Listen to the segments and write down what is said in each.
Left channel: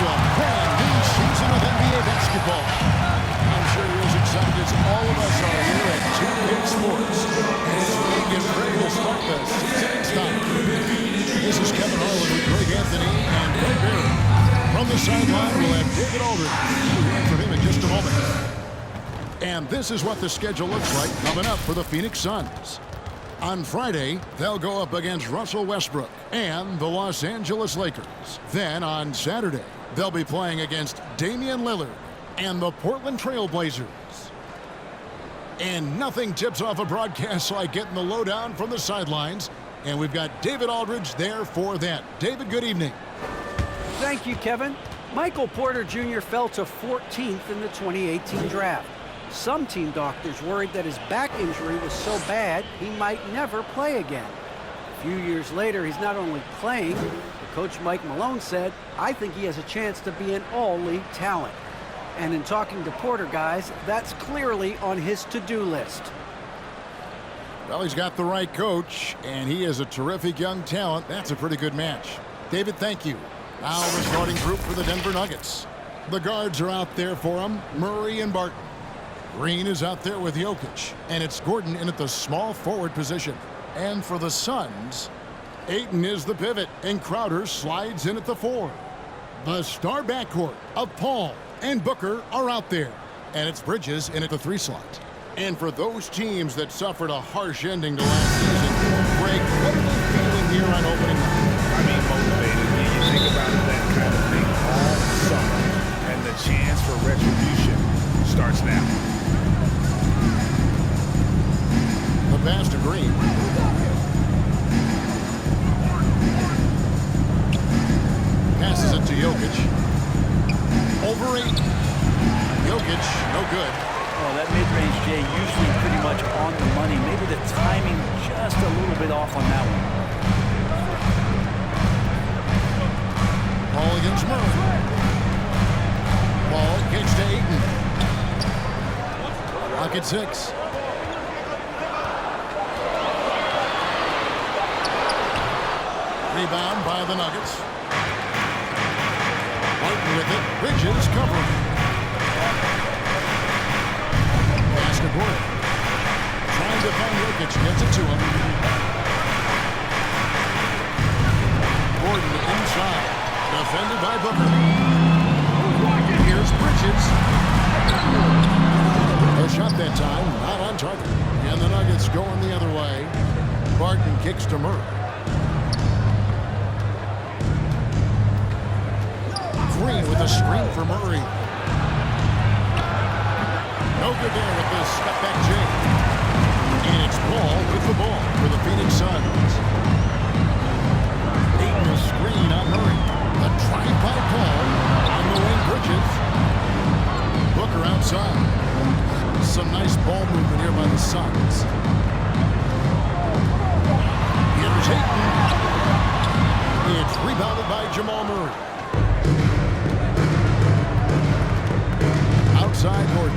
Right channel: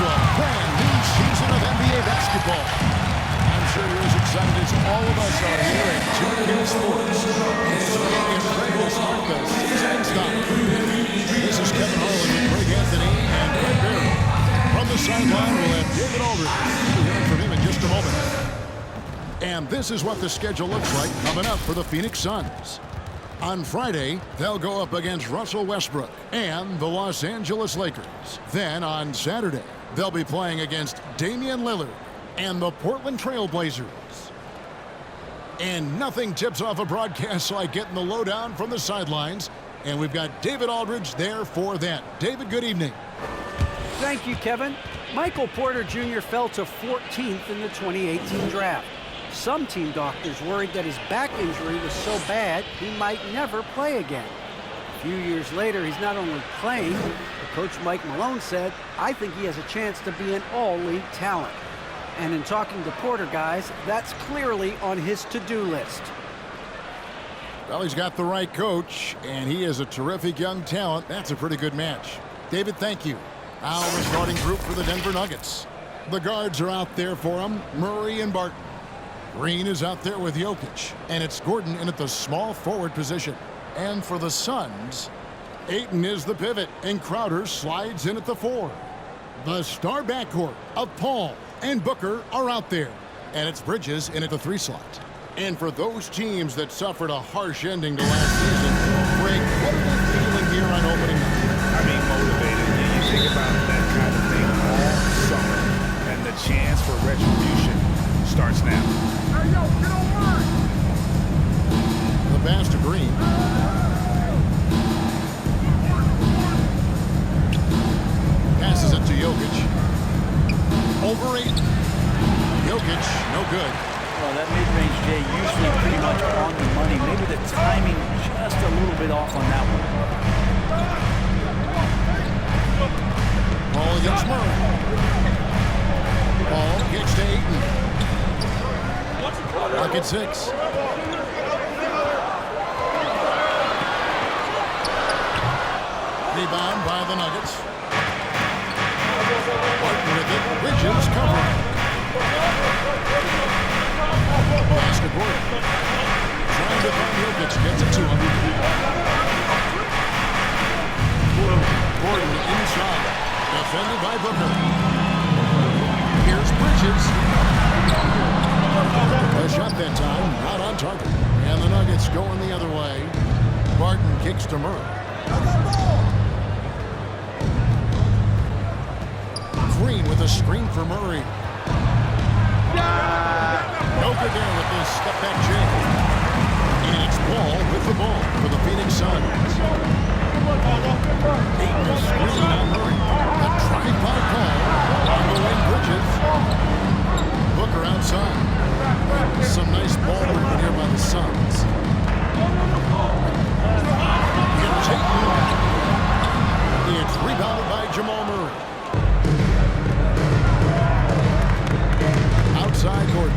to a brand new season of NBA basketball. I'm sure you're as excited as all of us are here at 2K Sports as the league is ready to start the season in style. This is Kevin Harlan with Greg Anthony and Greg Barry. From the sideline, we'll have David Aldridge. We'll be hearing from him in just a moment. And this is what the schedule looks like coming up for the Phoenix Suns. On Friday, they'll go up against Russell Westbrook and the Los Angeles Lakers. Then on Saturday, they'll be playing against Damian Lillard and the Portland Trail Blazers. And nothing tips off a broadcast like getting the lowdown from the sidelines. And we've got David Aldridge there for that. David, good evening. Thank you, Kevin. Michael Porter Jr. fell to 14th in the 2018 draft. Some team doctors worried that his back injury was so bad he might never play again. A few years later, he's not only playing, but Coach Mike Malone said, "I think he has a chance to be an all-league talent." And in talking to Porter, guys, that's clearly on his to-do list. Well, he's got the right coach, and he is a terrific young talent. That's a pretty good match. David, thank you. Now the starting group for the Denver Nuggets. The guards are out there for him, Murray and Barton. Green is out there with Jokic, and it's Gordon in at the small forward position. And for the Suns, Ayton is the pivot, and Crowder slides in at the 4. The star backcourt of Paul and Booker are out there, and it's Bridges in at the 3 slot. And for those teams that suffered a harsh ending to last season, Greg, what are they feeling here on opening night? I mean, motivated. You think about that kind of thing all summer, and the chance for retribution starts now. The pass to Green. Passes it to Jokic. Over 8. Jokic, no good. Well, that mid-range, Jay, usually pretty much on the money. Maybe the timing just a little bit off on that one. Paul against Murray. Paul kicks to Ayton. Lock at 6. Rebound by the Nuggets. Barton with it. Bridges covering. Pass to Gordon. Trying to find Jokic. Gets it to him. Gordon inside. Defended by Booker. Here's Bridges. A shot that time, not on target. And the Nuggets going the other way. Barton kicks to Murray. Green with a screen for Murray. No good there with this step-back jam. And it's Paul with the ball for the Phoenix Suns. Ayton a screen on Murray. The drive by Paul on the wing. Bridges. Booker outside. Some nice ball movement here by the Suns. Here's Ayton. It's rebounded by Jamal Murray. Outside Gordon.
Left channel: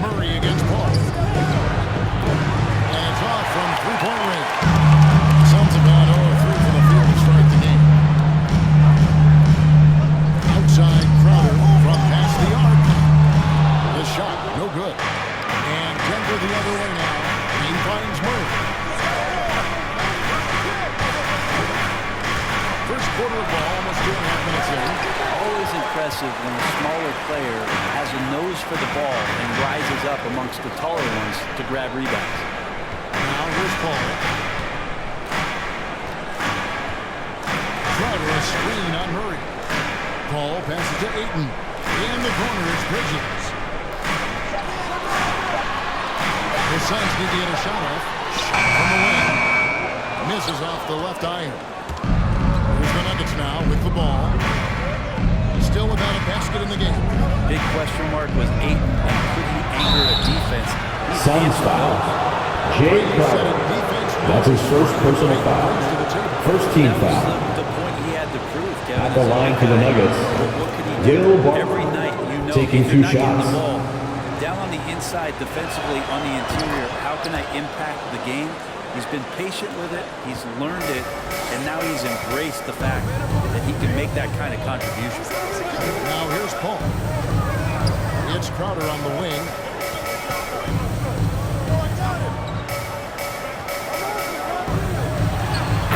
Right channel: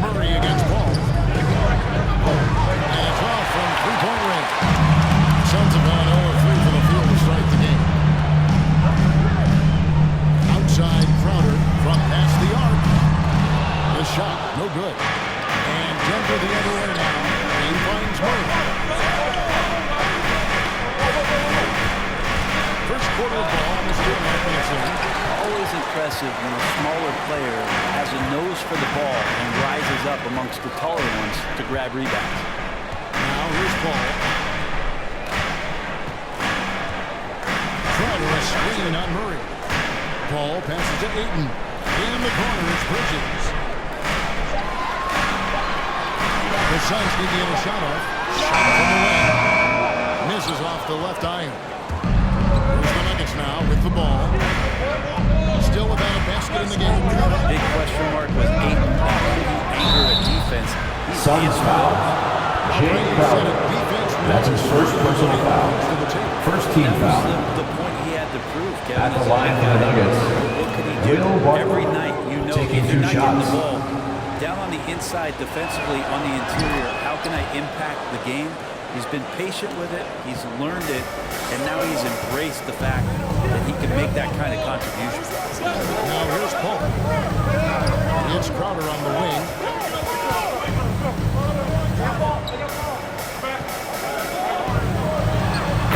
Murray against Paul. And it's off from three-point range. Suns have gone 0-3 for the field to start the game. Outside Crowder from past the arc. The shot, no good. And Denver the other way now. Green finds Murray. First quarter of ball, almost 2.5 minutes in. Always impressive when a smaller player has a nose for the ball and rises up amongst the taller ones to grab rebounds. Now here's Paul. Crowder a screen on Murray. Paul passes to Ayton. In the corner, it's Bridges. The Suns need to get a shot off. Shot from the wing. Misses off the left iron. Here's the Nuggets now with the ball. Still without a basket in the game. Big question mark was Ayton, and could he anchor a defense? He's Suns foul. Jay Crowder. That's his first personal foul. First team foul. That was the point he had to prove, Kevin. At the line for the Nuggets. What could he do? Every night, you know, taking if you're 2 not getting shots. the ball down on the inside defensively on the interior, how can I impact the game? He's been patient with it, he's learned it, and now he's embraced the fact that he can make that kind of contribution. Now here's Paul. It's Crowder on the wing.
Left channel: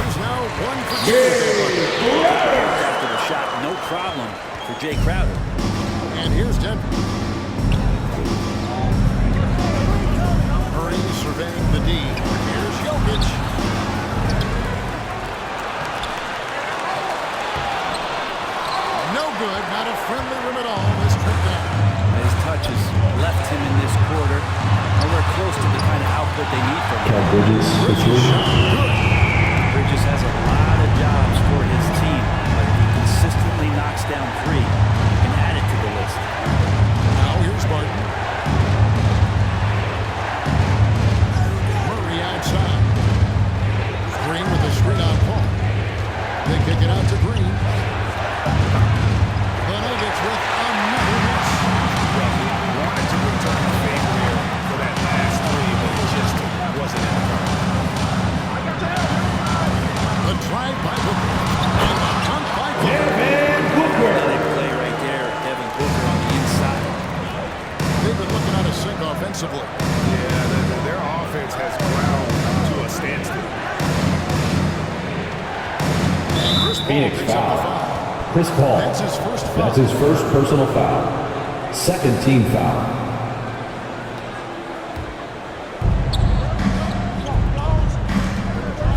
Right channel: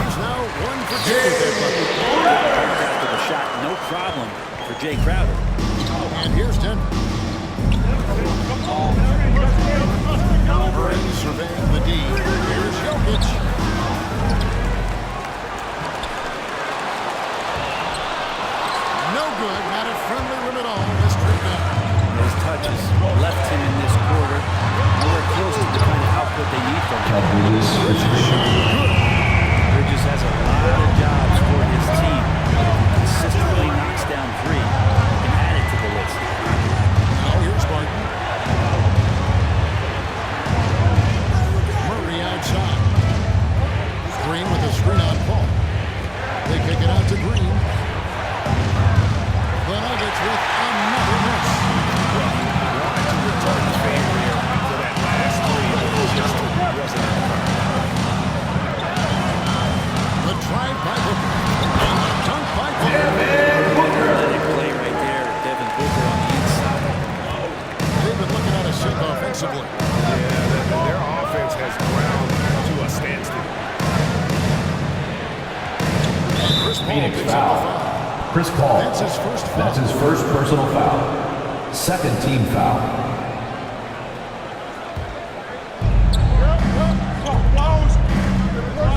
He's now 1 for 2 with that bucket. After the shot, no problem for Jay Crowder. And here's Denver. Murray surveying the D. Here's Jokic. No good. Not a friendly rim at all. This trip down. His touches left him in this quarter. Nowhere close to the kind of output they need from him. Bridges. Bridges shot good. Bridges has a lot of jobs for his team, but if he consistently knocks down 3, he can add it to the list. Now here's Barton. Murray outside. Green with a screen on Paul. They kick it out to Green. The Nuggets with another miss. Well, he wanted to return the favor here for that last 3, but it just wasn't in the cards. The drive by Booker. And the dunk by Booker. Athletic play right there. Devin Booker on the inside. They've been looking out of sync offensively. Yeah, their offense has ground to a standstill. And Chris Paul Phoenix picks up the foul. foul. Chris Paul. That's his first foul. That's his first personal foul. Second team foul.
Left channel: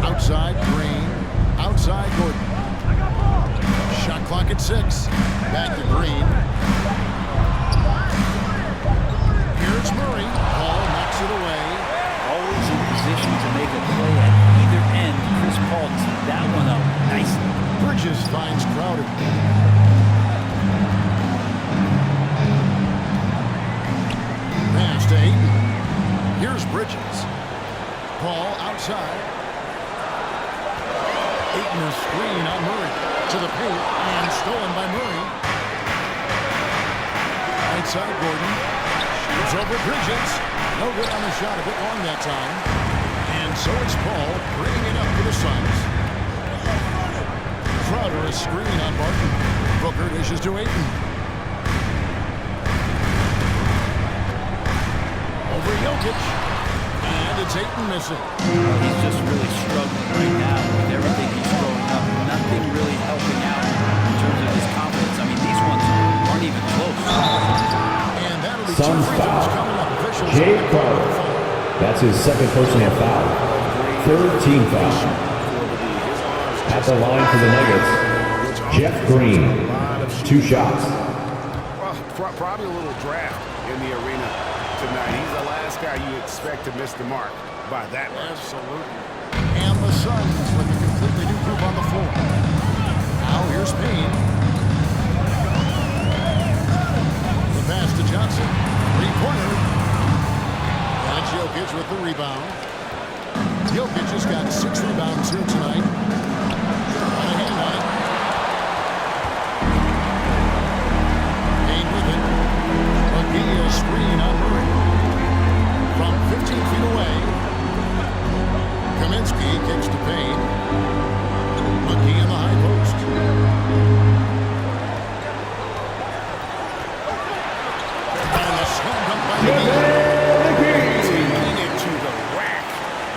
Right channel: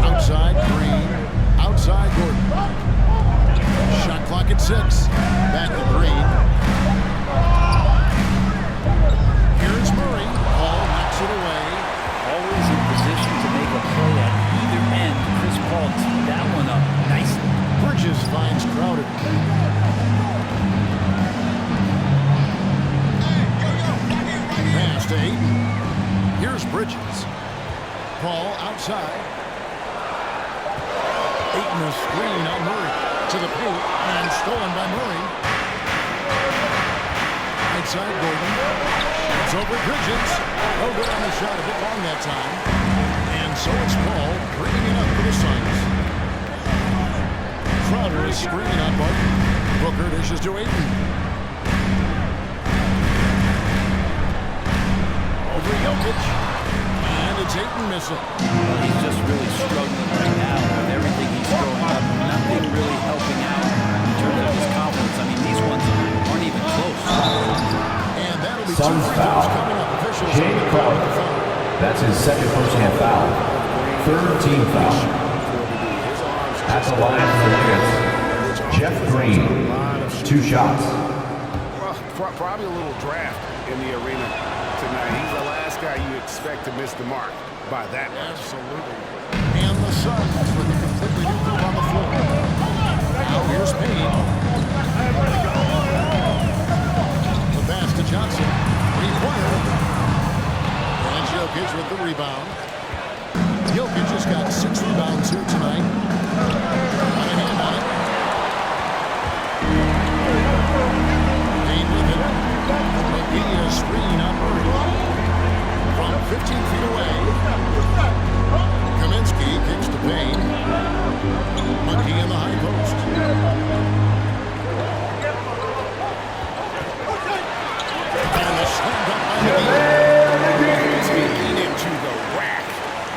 Outside Green. Outside Gordon. Shot clock at 6. Back to Green. Here's Murray. Paul knocks it away. Always in position to make a play at either end. Chris Paul teed that one up nicely. Bridges finds Crowder. Pass to Ayton. Here's Bridges. Paul outside. Ayton a screen on Murray. To the paint and stolen by Murray. Right side Gordon. Shoots over Bridges. No good on the shot. A bit long that time. And so it's Paul bringing it up for the Suns. Crowder is screen on Barton. Booker dishes to Ayton. Over Jokic. And it's Ayton missing. Well, he's just really struggling right now with everything he's throwing up. Nothing really helping out in terms of his confidence. I mean, these ones aren't even close. And that'll be Suns 2 free throws foul. coming up. Officials Jay on the call with the Crowder. foul. That's his second personal foul. Third team foul. At the line for the Nuggets, Jeff Green. 2 shots. Well, probably a little draft in the arena tonight. He's the last guy you expect to miss the mark by that much. Absolutely. And the Suns with a completely new group on the floor. Now here's Payne. The pass to Johnson. 3-pointer. And Jokic with the rebound. Jokic has got 6 rebounds here tonight. Got a hand on it. Payne with it. McGee a screen on Murray. From 15 feet away. Kaminsky kicks to Payne. McGee in the high post. And a slam dunk by McGee. Taking it to the rack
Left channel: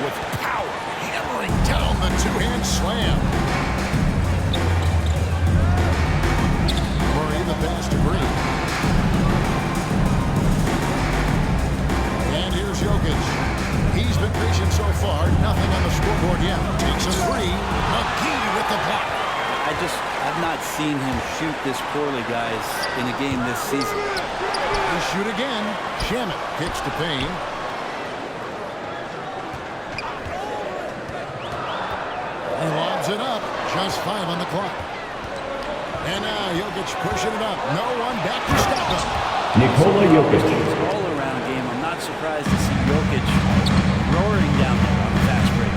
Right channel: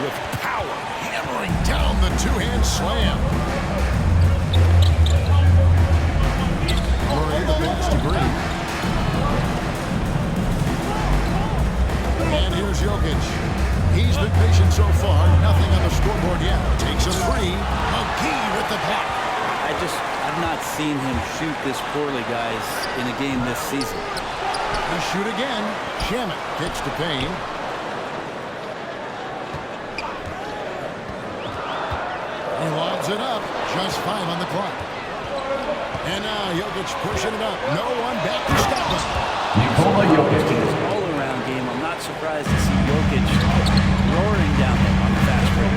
with power. Hammering down the 2-hand slam. Murray the pass to Green. And here's Jokic. He's been patient so far. Nothing on the scoreboard yet. Takes a 3. McGee with the block. I've not seen him shoot this poorly, guys, in a game this season. They shoot again. Shamet kicks to Payne. He lobs it up. Just 5 on the clock. And now Jokic pushing it up. No one back to stop him. Nikola Jokic. His all-around game, I'm not surprised to see Jokic roaring down there on the fast break.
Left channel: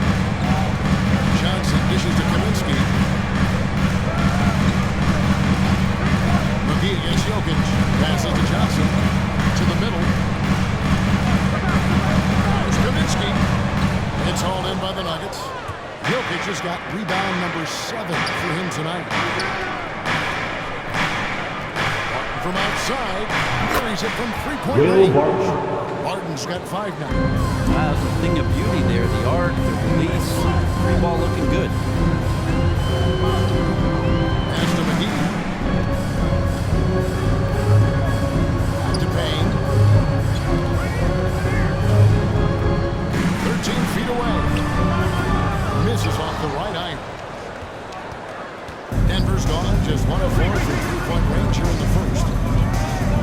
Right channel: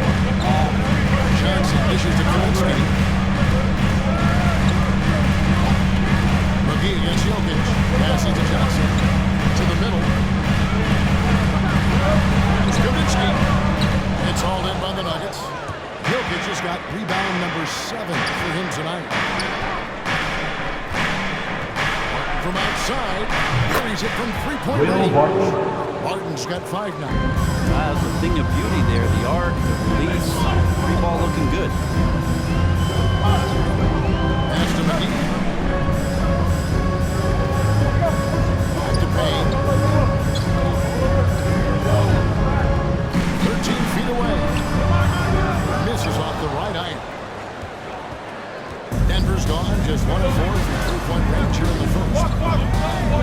Johnson dishes to Kaminsky. McGee against Jokic. Passes to Johnson. To the middle. Here's Kaminsky. It's called in by the Nuggets. Jokic has got rebound number 7 for him tonight. Martin from outside. Carries it from three-point range. Martin's got 5 now. That's the thing of beauty there. The arc, the release, free ball looking good. Pass to McGee. Back to Payne. 13 feet away. Misses off the right iron. Denver's gone just 1 of 4 from three-point range here in the first.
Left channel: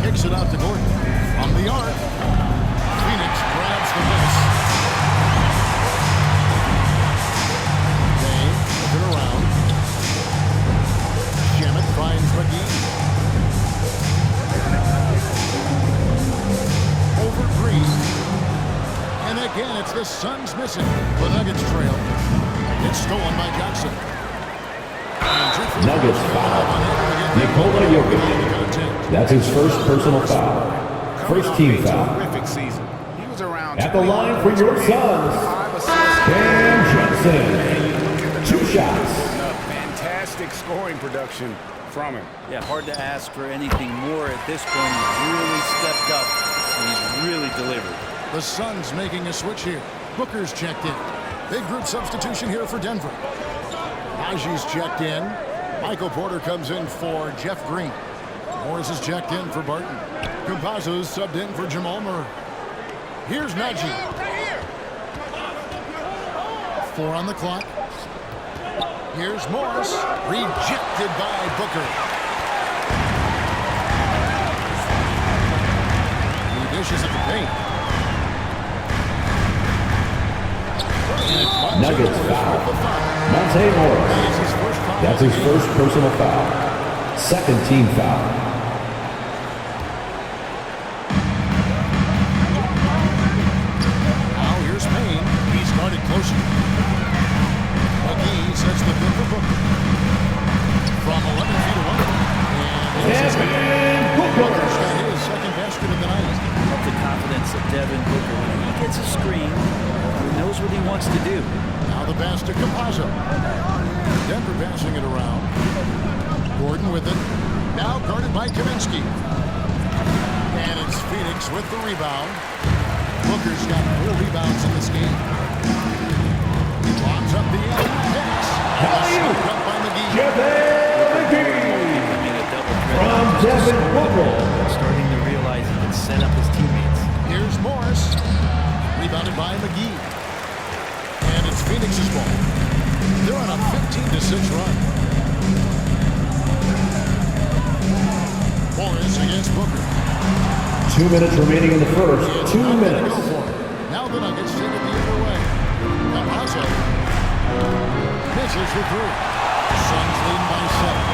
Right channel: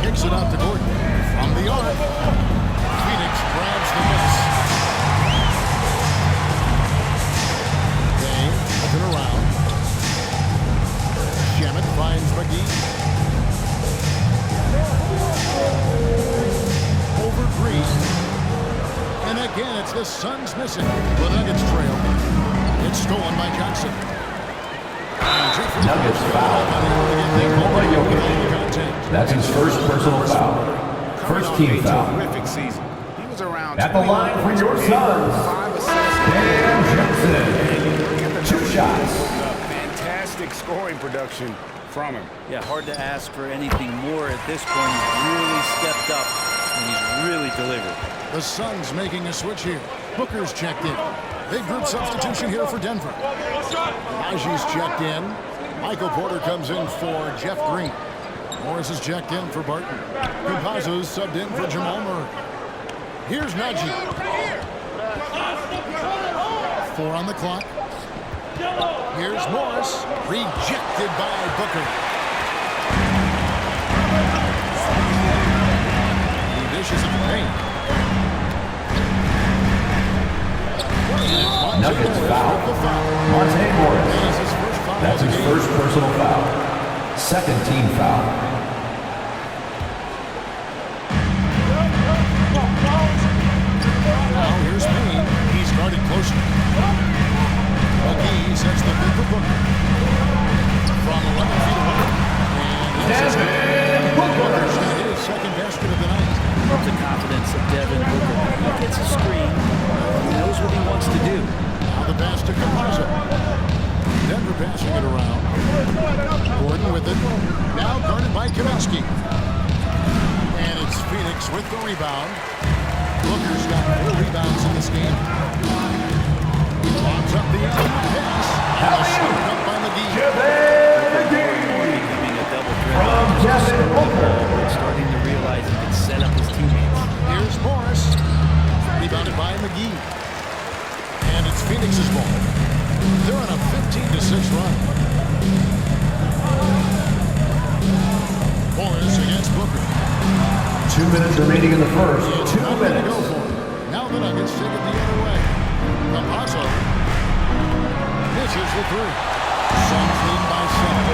Kicks it out to Gordon. From the arc. Phoenix grabs the miss. Dane looking around. Shamet finds McGee. Over Green. And again, it's the Suns missing. The Nuggets trail. It's stolen by Johnson. Nuggets foul. Nikola Jokic. That's his first personal foul. First team foul. Terrific season. He was around At the line for your Suns, 5 assists. Dan Johnson. And you look at the 2 numbers shots. he's putting up. Fantastic scoring production from him. Yeah, hard to ask for anything more at this point. He's really stepped up, and he's really delivered. The Suns making a switch here. Booker's checked in. Big group substitution here for Denver. Najee's checked in. Michael Porter comes in for Jeff Green. Morris is checked in for Barton. Campazzo's subbed in for Jamal Murray. Here's Najee. 4 on the clock. Here's Morris. Rejected by Booker. He dishes it to Payne. Nuggets foul. Monte Morris. That is his first foul. That's his first personal foul. Second team foul. Now here's Payne. He's guarded closer. McGee sets the bid for Booker. From 11 feet away. And Booker's got his second basket of the night. Love the confidence of Devin Booker. When he gets a screen, he knows what he wants to do. Now the pass to Campazzo. Denver passing it around. Gordon with it. Now guarded by Kaminsky. And it's Phoenix with the rebound. Booker's got 4 rebounds in this game. He lobs up the alley pass. And a scoop up by McGee. Booker more and more becoming a double threat. Not just to score the ball, but starting to realize he can set up his teammates. Here's Morris. Rebounded by McGee. And it's Phoenix's ball. They're on a 15-6 run. Morris against Booker. 2 minutes remaining in the first. It's 2 not gonna minutes. go for it. Now the Nuggets take it the other way. Campazzo misses the 3. Suns lead by 7.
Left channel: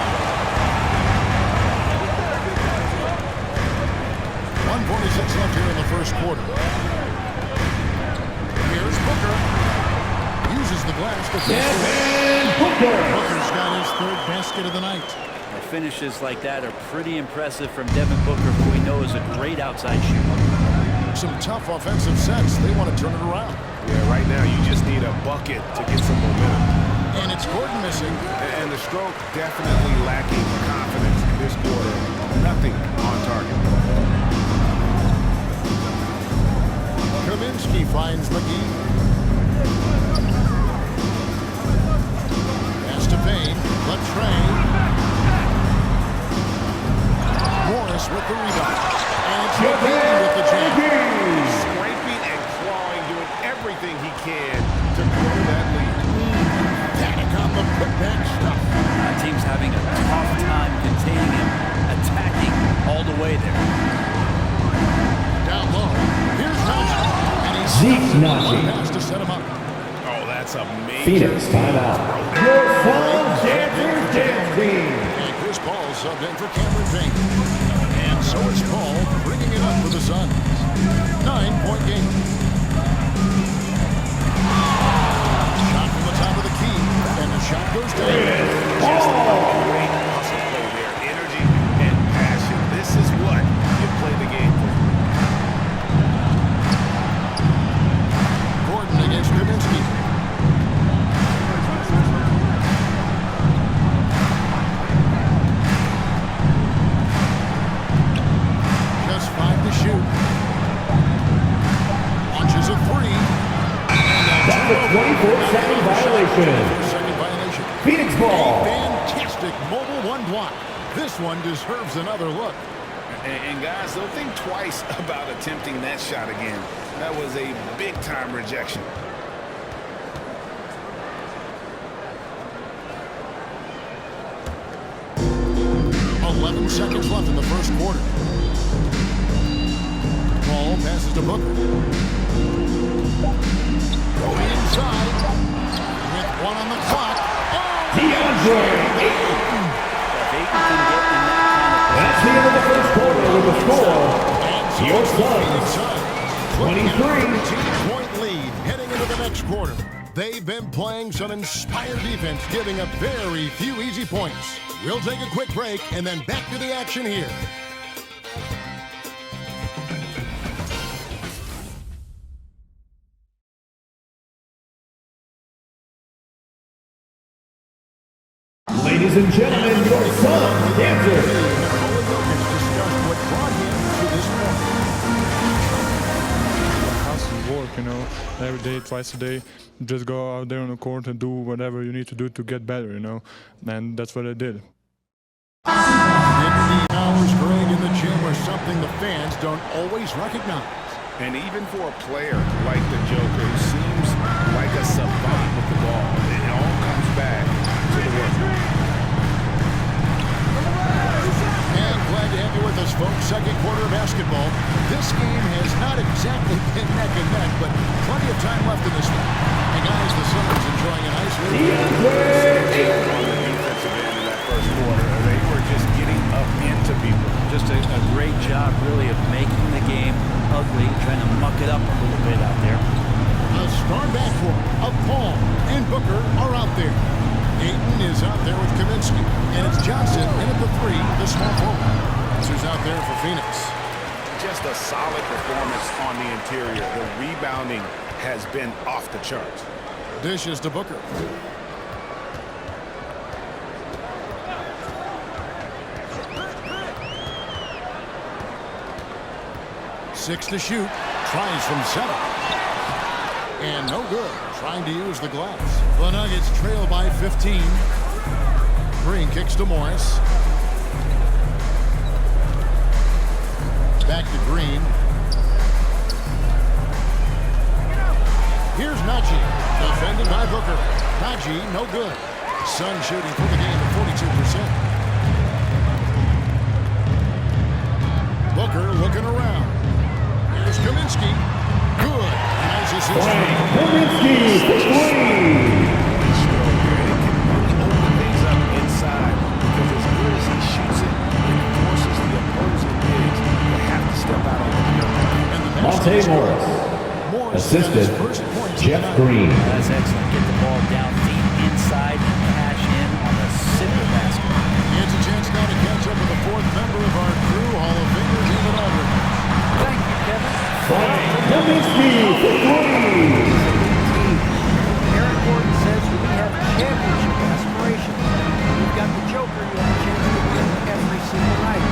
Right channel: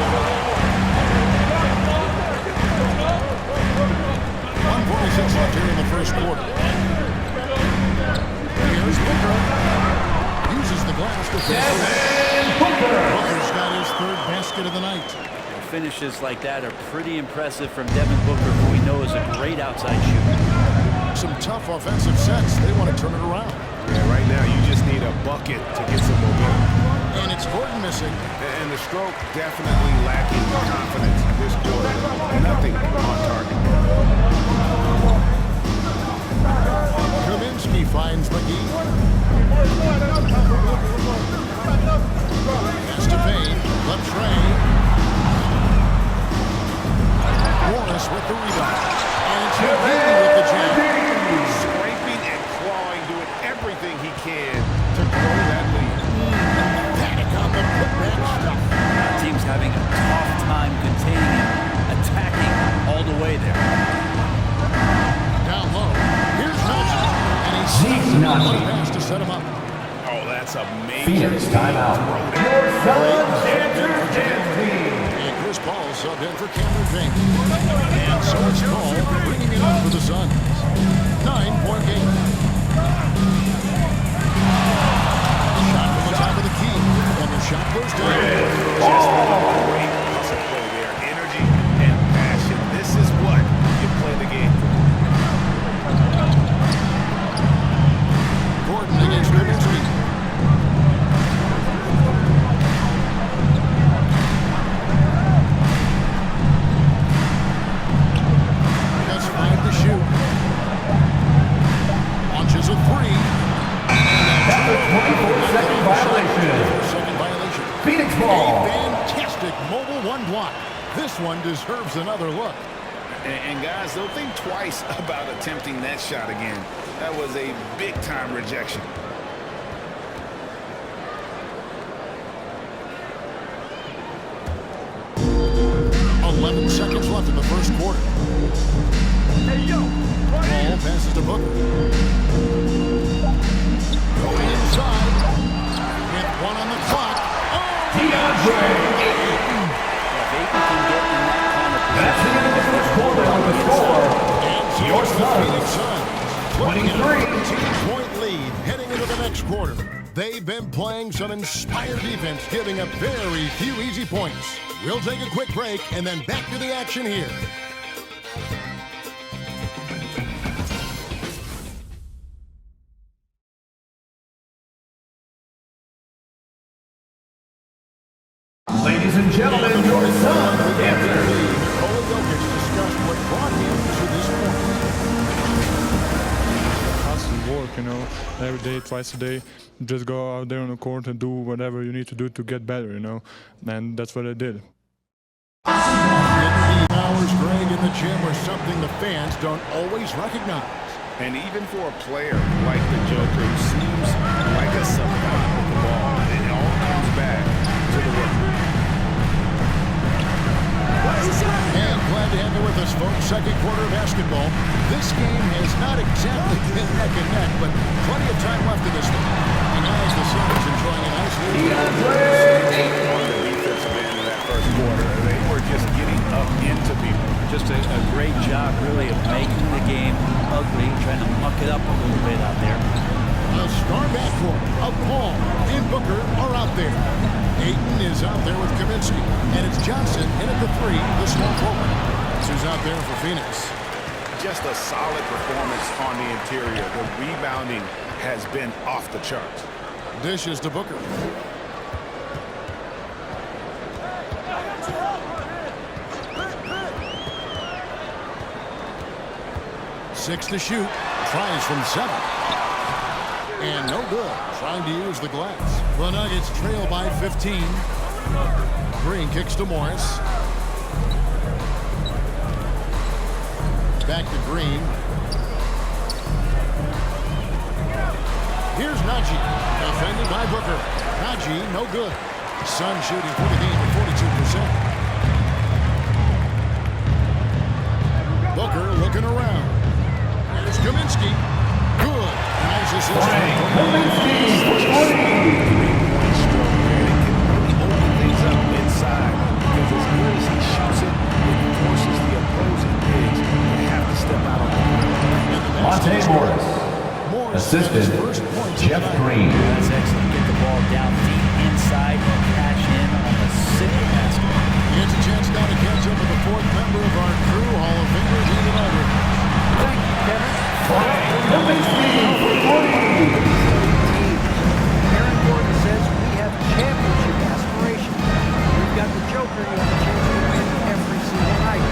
1:46 left here in the first quarter. Here's Booker. Uses the glass to finish the way. Booker's got his 3rd basket of the night. Well, finishes like that are pretty impressive from Devin Booker, who we know is a great outside shooter. Some tough offensive sets. They want to turn it around. Yeah, right now you just need a bucket to get some momentum. And it's Gordon missing. And the stroke definitely lacking confidence this quarter. Nothing on target. Kaminsky finds McGee. Pass to Payne. The tray. Morris with the rebound. And it's McGee with the jam. Scraping and clawing, doing everything he can to grow that lead. Panic on the putback stuff. Now, team's having a tough time containing him, attacking all the way there. Down low. Here's Najee. And he's Zeke Najee. What a pass to set him up. Oh, that's a major Phoenix timeout. Your Suns answer team. And Chris Paul subbed in for Cameron Payne. And so it's Paul bringing it up for the Suns. 9-point game. Shot from the top of the key. And the shot goes down. Just a great hustle play there. Energy and passion. This is what you play the game for. Gordon against Kaminsky. 24-second violation. 24-second violation. Phoenix ball. A fantastic mobile one block. This one deserves another look. And guys, they'll think twice about attempting that shot again. That was a big-time rejection. Eleven seconds left in the first quarter. Ball passes to Booker. Going inside. With one on the clock. Oh! DeAndre Ayton. If Ayton can get in that kind of position. That's the end of the first quarter with the score. And so Your it's the Phoenix Suns. 23. 13-point lead heading into the next quarter. They've been playing some inspired defense, giving up very few easy points. We'll take a quick break and then back to the action here. Ladies and gentlemen, your son, Kansas. Nikola Jokic discussed what brought him to this point. Hustle, work, every day, twice a day. Just go out there on the court and do whatever you need to do to get better, and that's what I did. Indeed, hours, Greg, in the gym are something the fans don't always recognize. And even for a player like the Joker, who seems like a savant with the ball, it all comes back to the work. And glad to have you with us, folks. Second quarter of basketball. This game has not exactly been neck and neck, but plenty of time left in this one. And guys, the Suns enjoying a nice lead. On the defensive end in that first quarter, they were just getting up into people. Just a great job, really, of making the game ugly, trying to muck it up a little bit out there. A star backcourt of Paul and Booker are out there. Ayton is out there with Kaminsky, and it's Johnson in at the three, the small forward. This who's out there for Phoenix. Just a solid performance on the interior. The rebounding has been off the charts. Dishes to Booker. Six to shoot. Tries from 7. And no good. Trying to use the glass. The Nuggets trail by 15. Green kicks to Morris. Back to Green. Here's Najee. Defended by Booker. Najee, no good. Sun shooting for the game at 42%. Booker looking around. Here's Kaminsky. Good. A nice assist. Kaminsky for three. Three-point stroke there. It can really open things up inside because as good as he shoots it, it forces the opposing bigs to have to step out on the perimeter. Monte Morris. Assisted Jeff Green. That's excellent. Get the ball down deep inside and cash in on the simple basket. It's a chance now to catch up with the fourth member of our crew, Hall of Famer David Aldridge. Thank you, Kevin. Kaminsky for three. Aaron Gordon says we have championship aspirations. We've got the Joker. You have a chance to win every single night.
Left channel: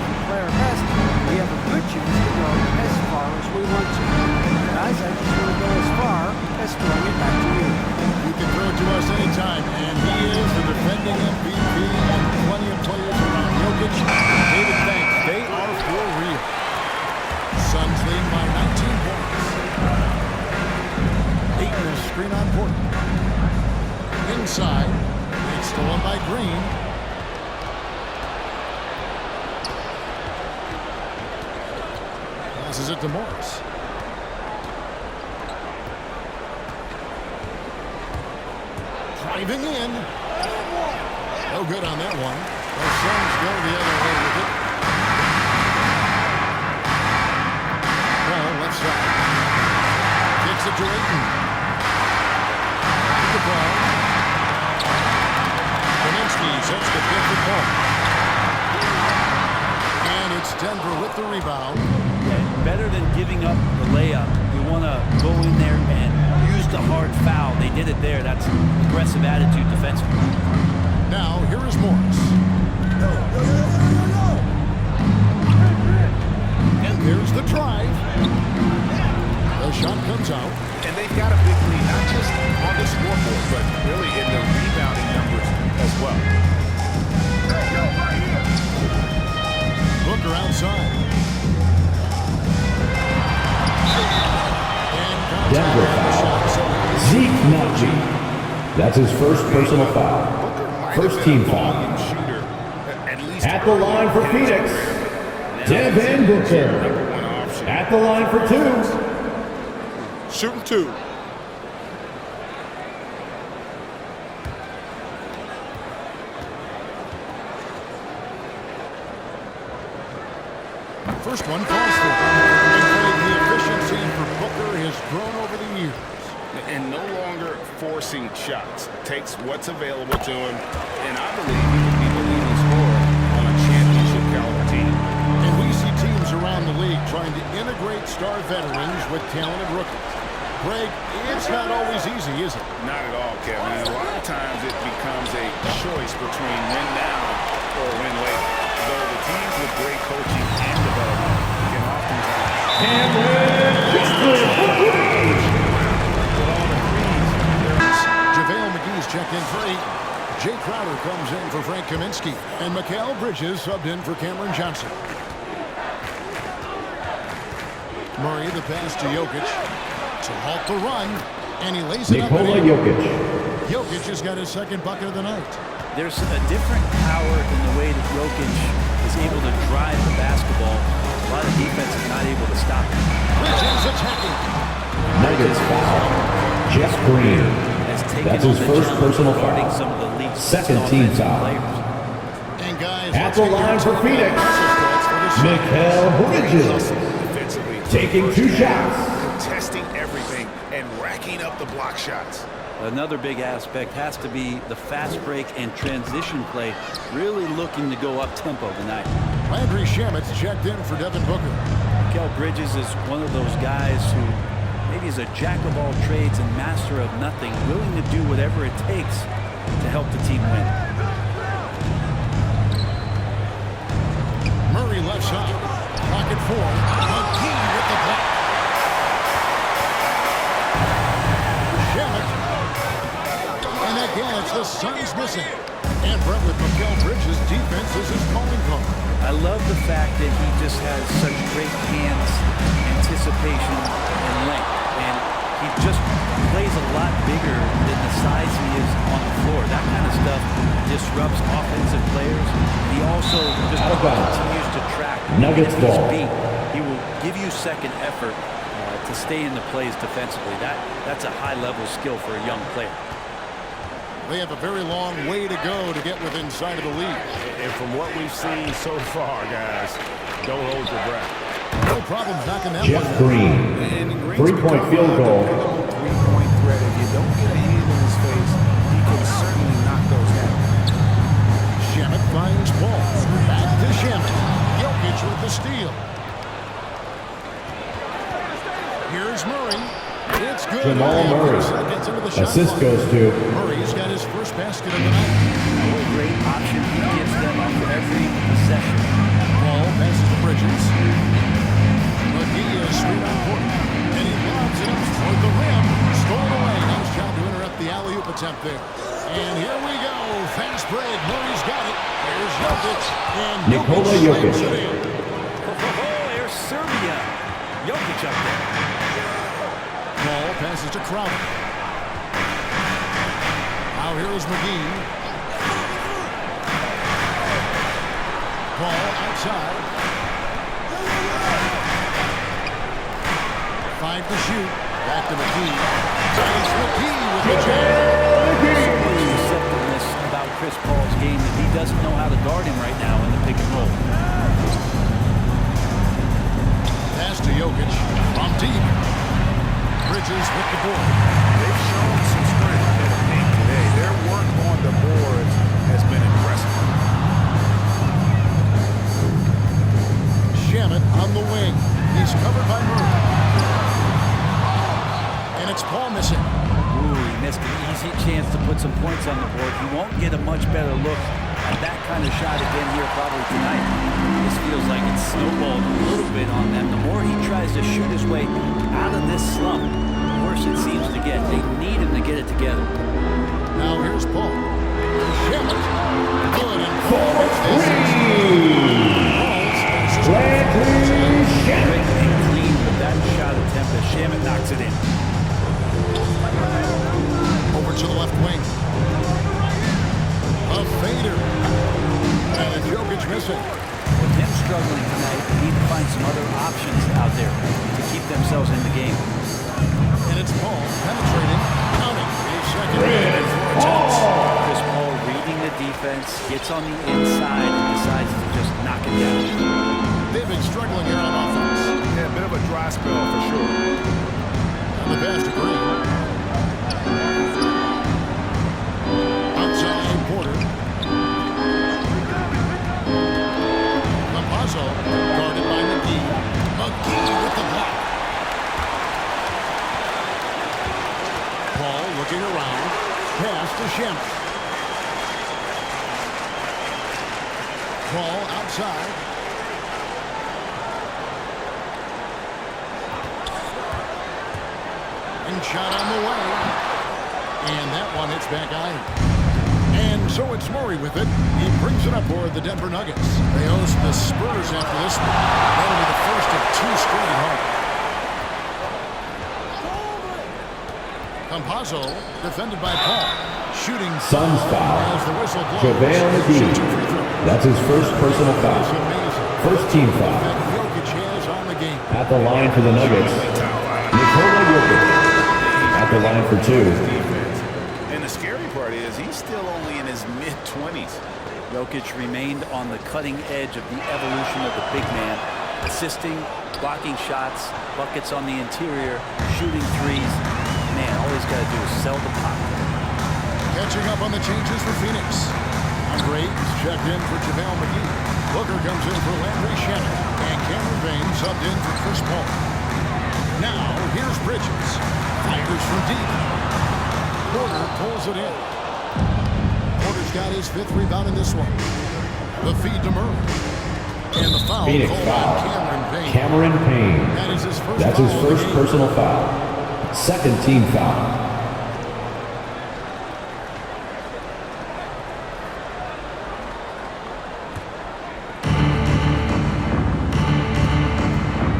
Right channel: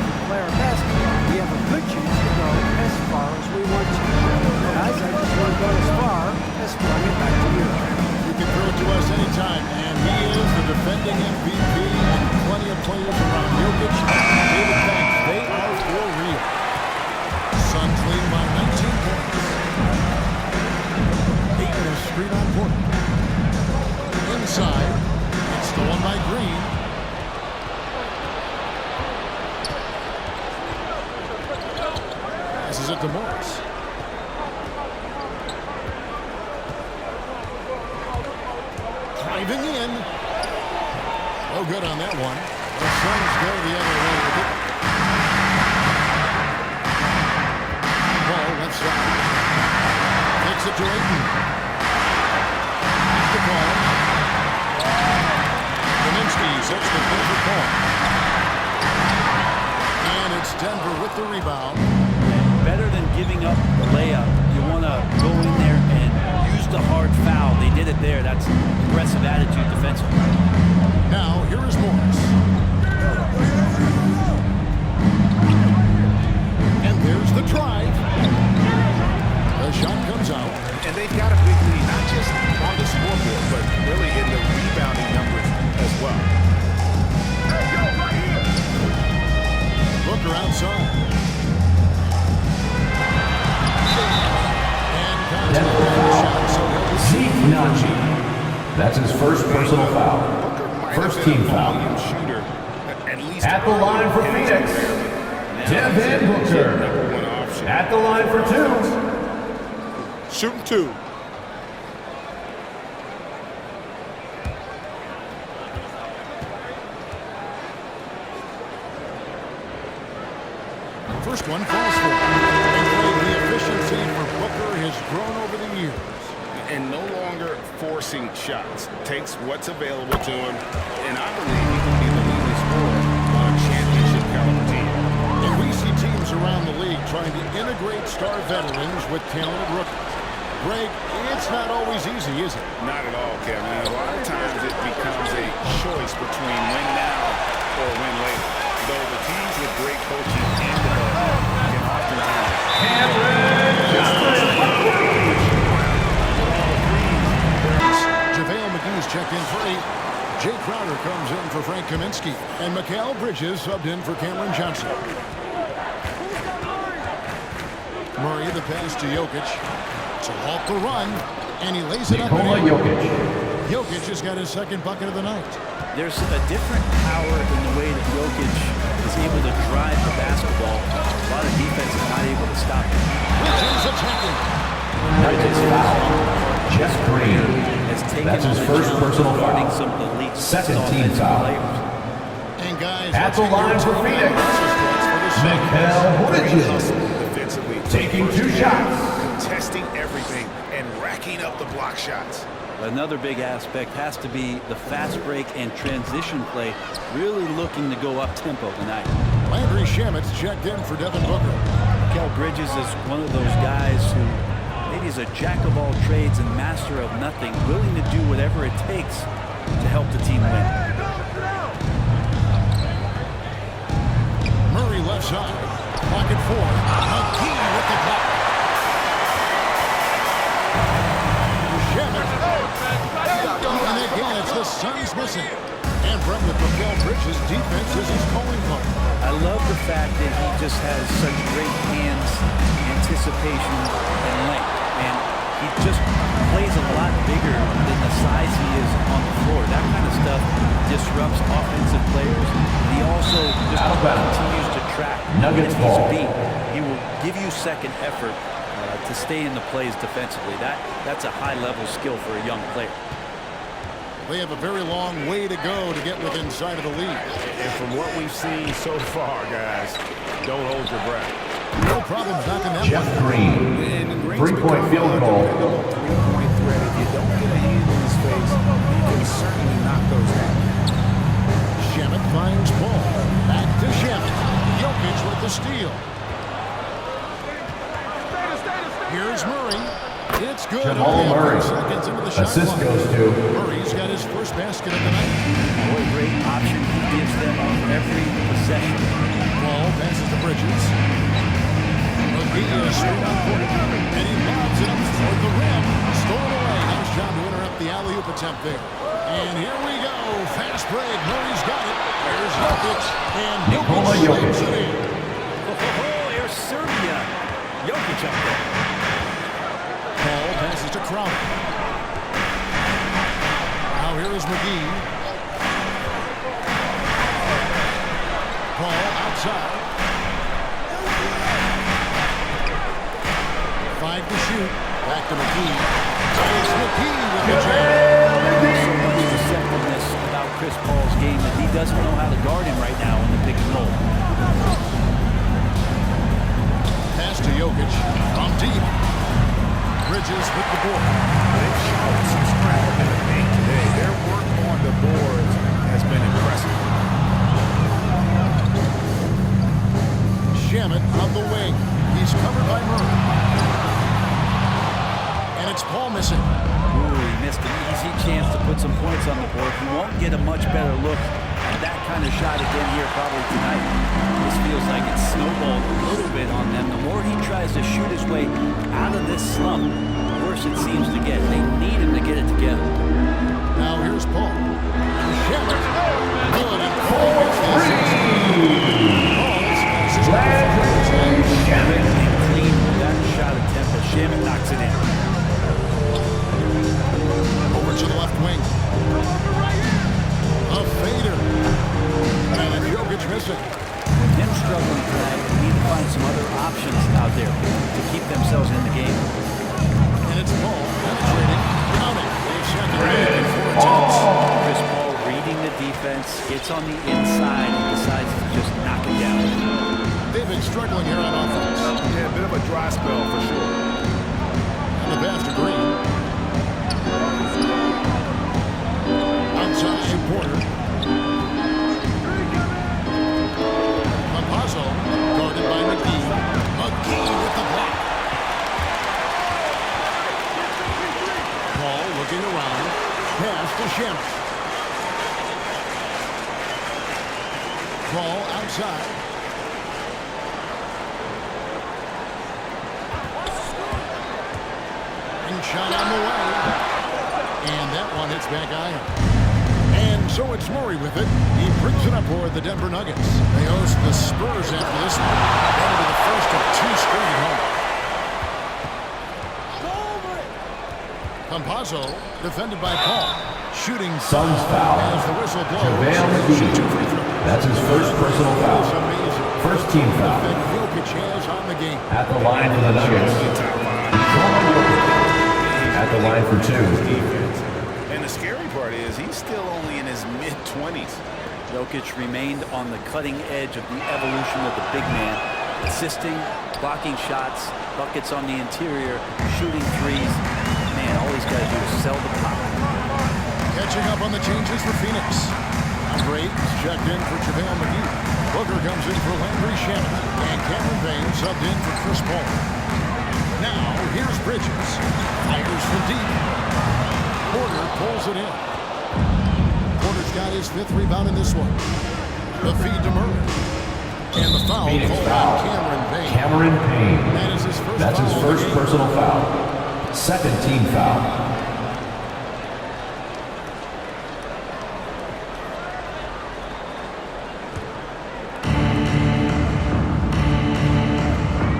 If we play our best, we have a good chance to go as far as we want to. Guys, I just want to go as far as throwing it back to you. You can throw it to us anytime, and he is the defending MVP and plenty of players around Jokic. David thanks. They are for real. Suns leading by 19 points. Ayton is screen on Porter. Inside. It's stolen by Green. Passes it to Morris. Driving in. No good on that one. The Suns go the other way with it. Paul left side. Kicks it to Ayton. Back to Paul. Kaminsky sets the pick for Paul. And it's Denver with the rebound. And better than giving up the layup, you want to go in there and use the hard foul. They did it there. That's aggressive attitude defensively. Now, here is Morris. And there's the drive. The shot comes out. And they've got a big lead, not just on the scoreboard, but really in the rebounding numbers as well. Hey, yo, right here. Booker outside. And contact Denver on the foul. shot, so he'll be Zeke shooting for Naji. two. That's his first personal foul. Booker might First have been team a foul. volume shooter, at least At the early line for in his Phoenix, career, but now Devin he's a Booker. number one option. At the line for two. Shooting two. First one falls for him. And Greg, the efficiency for Booker has grown over the years. And no longer forcing shots. Takes what's available to him, and I believe he can be the leading scorer on a championship caliber team. And we see teams around the league trying to integrate star veterans with talented rookies. Greg, it's not always easy, is it? Not at all, Kevin. And a lot of times it becomes a choice between win now or win later. Though the teams with great coaching and development can oftentimes with all the threes. JaVale McGee's checked in for 8. Jay Crowder comes in for Frank Kaminsky. And Mikal Bridges subbed in for Cameron Johnson. Murray, the pass to Jokic to halt the run. And he lays it up and Nikola in. Jokic. Jokic has got his second bucket of the night. There's a different power in the way that Jokic is able to drive the basketball. A lot of defense is not able to stop him. Bridges attacking. Bridges in his foul. young part Jeff Green. has taken That's on his the first challenge personal of guarding foul. some of the league's Second best team offensive foul. players. And guys, At let's the get your line for take on Phoenix. hustle stats for the Suns. Mikal Great hustle Bridges. defensively. Taking First two half, shots. contesting everything and racking up the block shots. Another big aspect has to be the fast break and transition play, really looking to go up tempo tonight. Landry Shamit's checked in for Devin Booker. Mikal Bridges is one of those guys who maybe is a jack of all trades and master of nothing, willing to do whatever it takes to help the team win. Murray left side. Pocket 4. McGee with the block. Shamit. And again, it's the Suns missing. And Brett with Mikal Bridges' defense is his calling card. I love the fact that he just has such great hands, anticipation, and length. And he just plays a lot bigger than the size he is on the floor. That kind of stuff disrupts offensive players. And he also just continues to track. Nuggets Even if ball. he's beat, he will give you second effort to stay in the plays defensively. That's a high-level skill for a young player. They have a very long way to go to get within sight of the lead. And from what we've seen so far, guys, don't hold your breath. No problem knocking that Jeff one down. Green. And Green's Three-point become field a goal. dependable three-point threat. If you don't get a hand in his face, he can certainly knock those down. Shamit finds Paul. Back to Shamit. Jokic with the steal. Here's Murray. It's good. Jamal Only a few Murray. seconds into the shot Assist clock. goes to Murray's got his first basket of the night. Now, what a great option he gives them on every possession. Ball passes to Bridges. McGee is straight on court. And he lobs it up toward the rim. Stolen away. Nice job to interrupt the alley-oop attempt there. And here we go. Fast break. Murray's got it. Here's Jokic. And Nikola Jokic Jokic. slams it in. Here's Serbia. Jokic up there. Ball passes to Crowder. Now here is McGee. Ball outside. 5 to shoot. Back to McGee. It's McGee with the jam. So much receptiveness about Chris Paul's game that he doesn't know how to guard him right now in the pick and roll. Pass to Jokic from deep. Bridges with the board. They've shown some strength in the paint today. Their work on the boards has been impressive. Shamit on the wing. He's covered by Murray. And it's Paul missing. Ooh, he missed an easy chance to put some points on the board. He won't get a much better look at that kind of shot again here probably tonight. This feels like it's snowballed a little bit on them. The more he tries to shoot his way out of this slump, the worse it seems to get. They need him to get it together. Now here's Paul. Shamet. Good, and Paul makes this. Paul's assist number 5. Quick and clean with that shot attempt as Shamet knocks it in. Over to the left wing. A fader. And Jokic missing. With him struggling tonight, they need to find some other options out there to keep themselves in the game. And it's Paul penetrating, counting. A second make in 4 attempts. Chris Paul reading the defense, gets on the inside and decides to just knock it down. They've been struggling here on offense. Yeah, a bit of a dry spell for sure. And the pass to Green. Outside Porter. Lampazzo guarded by McGee. McGee with the block. Paul looking around. Pass to Shamet. Paul outside. Ring shot on the way. And that one hits back iron. And so it's Murray with it. He brings it up for the Denver Nuggets. They host the Spurs after this one. That'll be the first of 2 straight at home. Campazzo, defended by Paul. Shooting Suns foul. as the whistle blows. JaVale McGee. That's his first personal foul. First team foul. That Jokic has on the game. At the line for the Nuggets, Nikola Jokic. At the line for 2. Defense. And the scary part is he's still only in his mid-20s. Jokic remained on the cutting edge of the evolution of the big man, assisting, blocking shots, buckets on the interior, shooting threes. Man, all he's got to do is sell the puck. Catching up on the changes for Phoenix. Andre is checked in for JaVale McGee. Booker comes in for Landry Shamet. And Cameron Payne subbed in for Chris Paul. Now, here's Bridges. Fires from deep. Porter pulls it in. Porter's got his 5th rebound in this one. The feed to Murray. And the foul Phoenix called foul. on Cameron Payne. Cameron Payne. That is his first That's foul his of the first game. personal foul. Second team foul.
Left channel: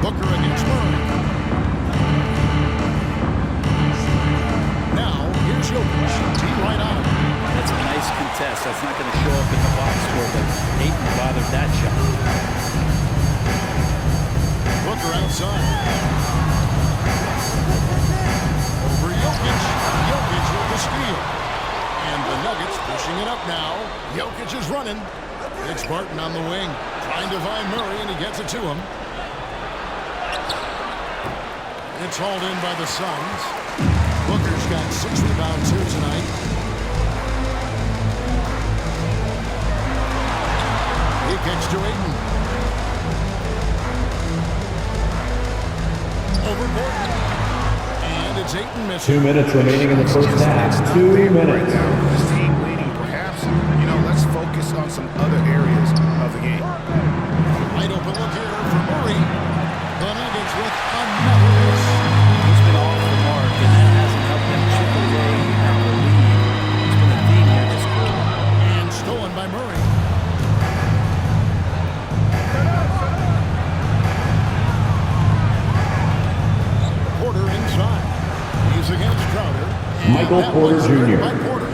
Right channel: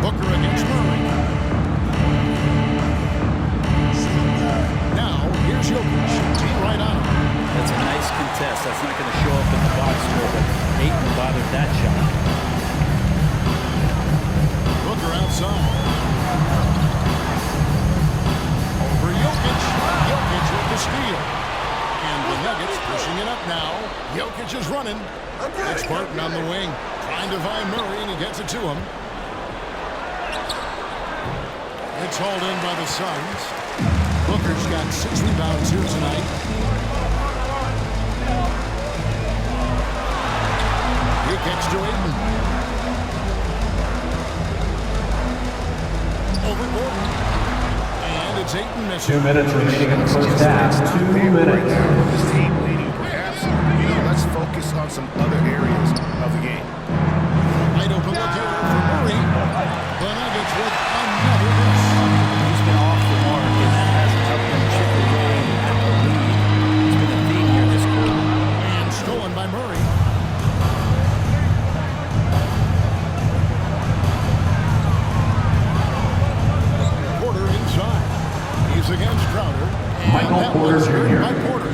Booker against Murray. Now, here's Jokic. T right on him. That's a nice contest. That's not going to show up in the box score, but Ayton bothered that shot. Booker outside. Over Jokic. Jokic with the steal. And the Nuggets pushing it up now. Jokic is running. It's Barton on the wing. Trying to find Murray, and he gets it to him. It's hauled in by the Suns. Booker's got 6 rebounds here tonight. He kicks to Ayton. Over Gordon. And it's Ayton missing. 2 minutes remaining in the first half. 2 minutes. Right now with this team leading, perhaps, let's focus on some other areas of the game. Wide open look here for Murray. The Nuggets with another miss. He's been off the mark, and that hasn't helped them chip away at the lead. It's been a theme here this quarter. And stolen by Murray. Porter inside. He's against Crowder. And Michael that Porter one's good Jr. by Porter.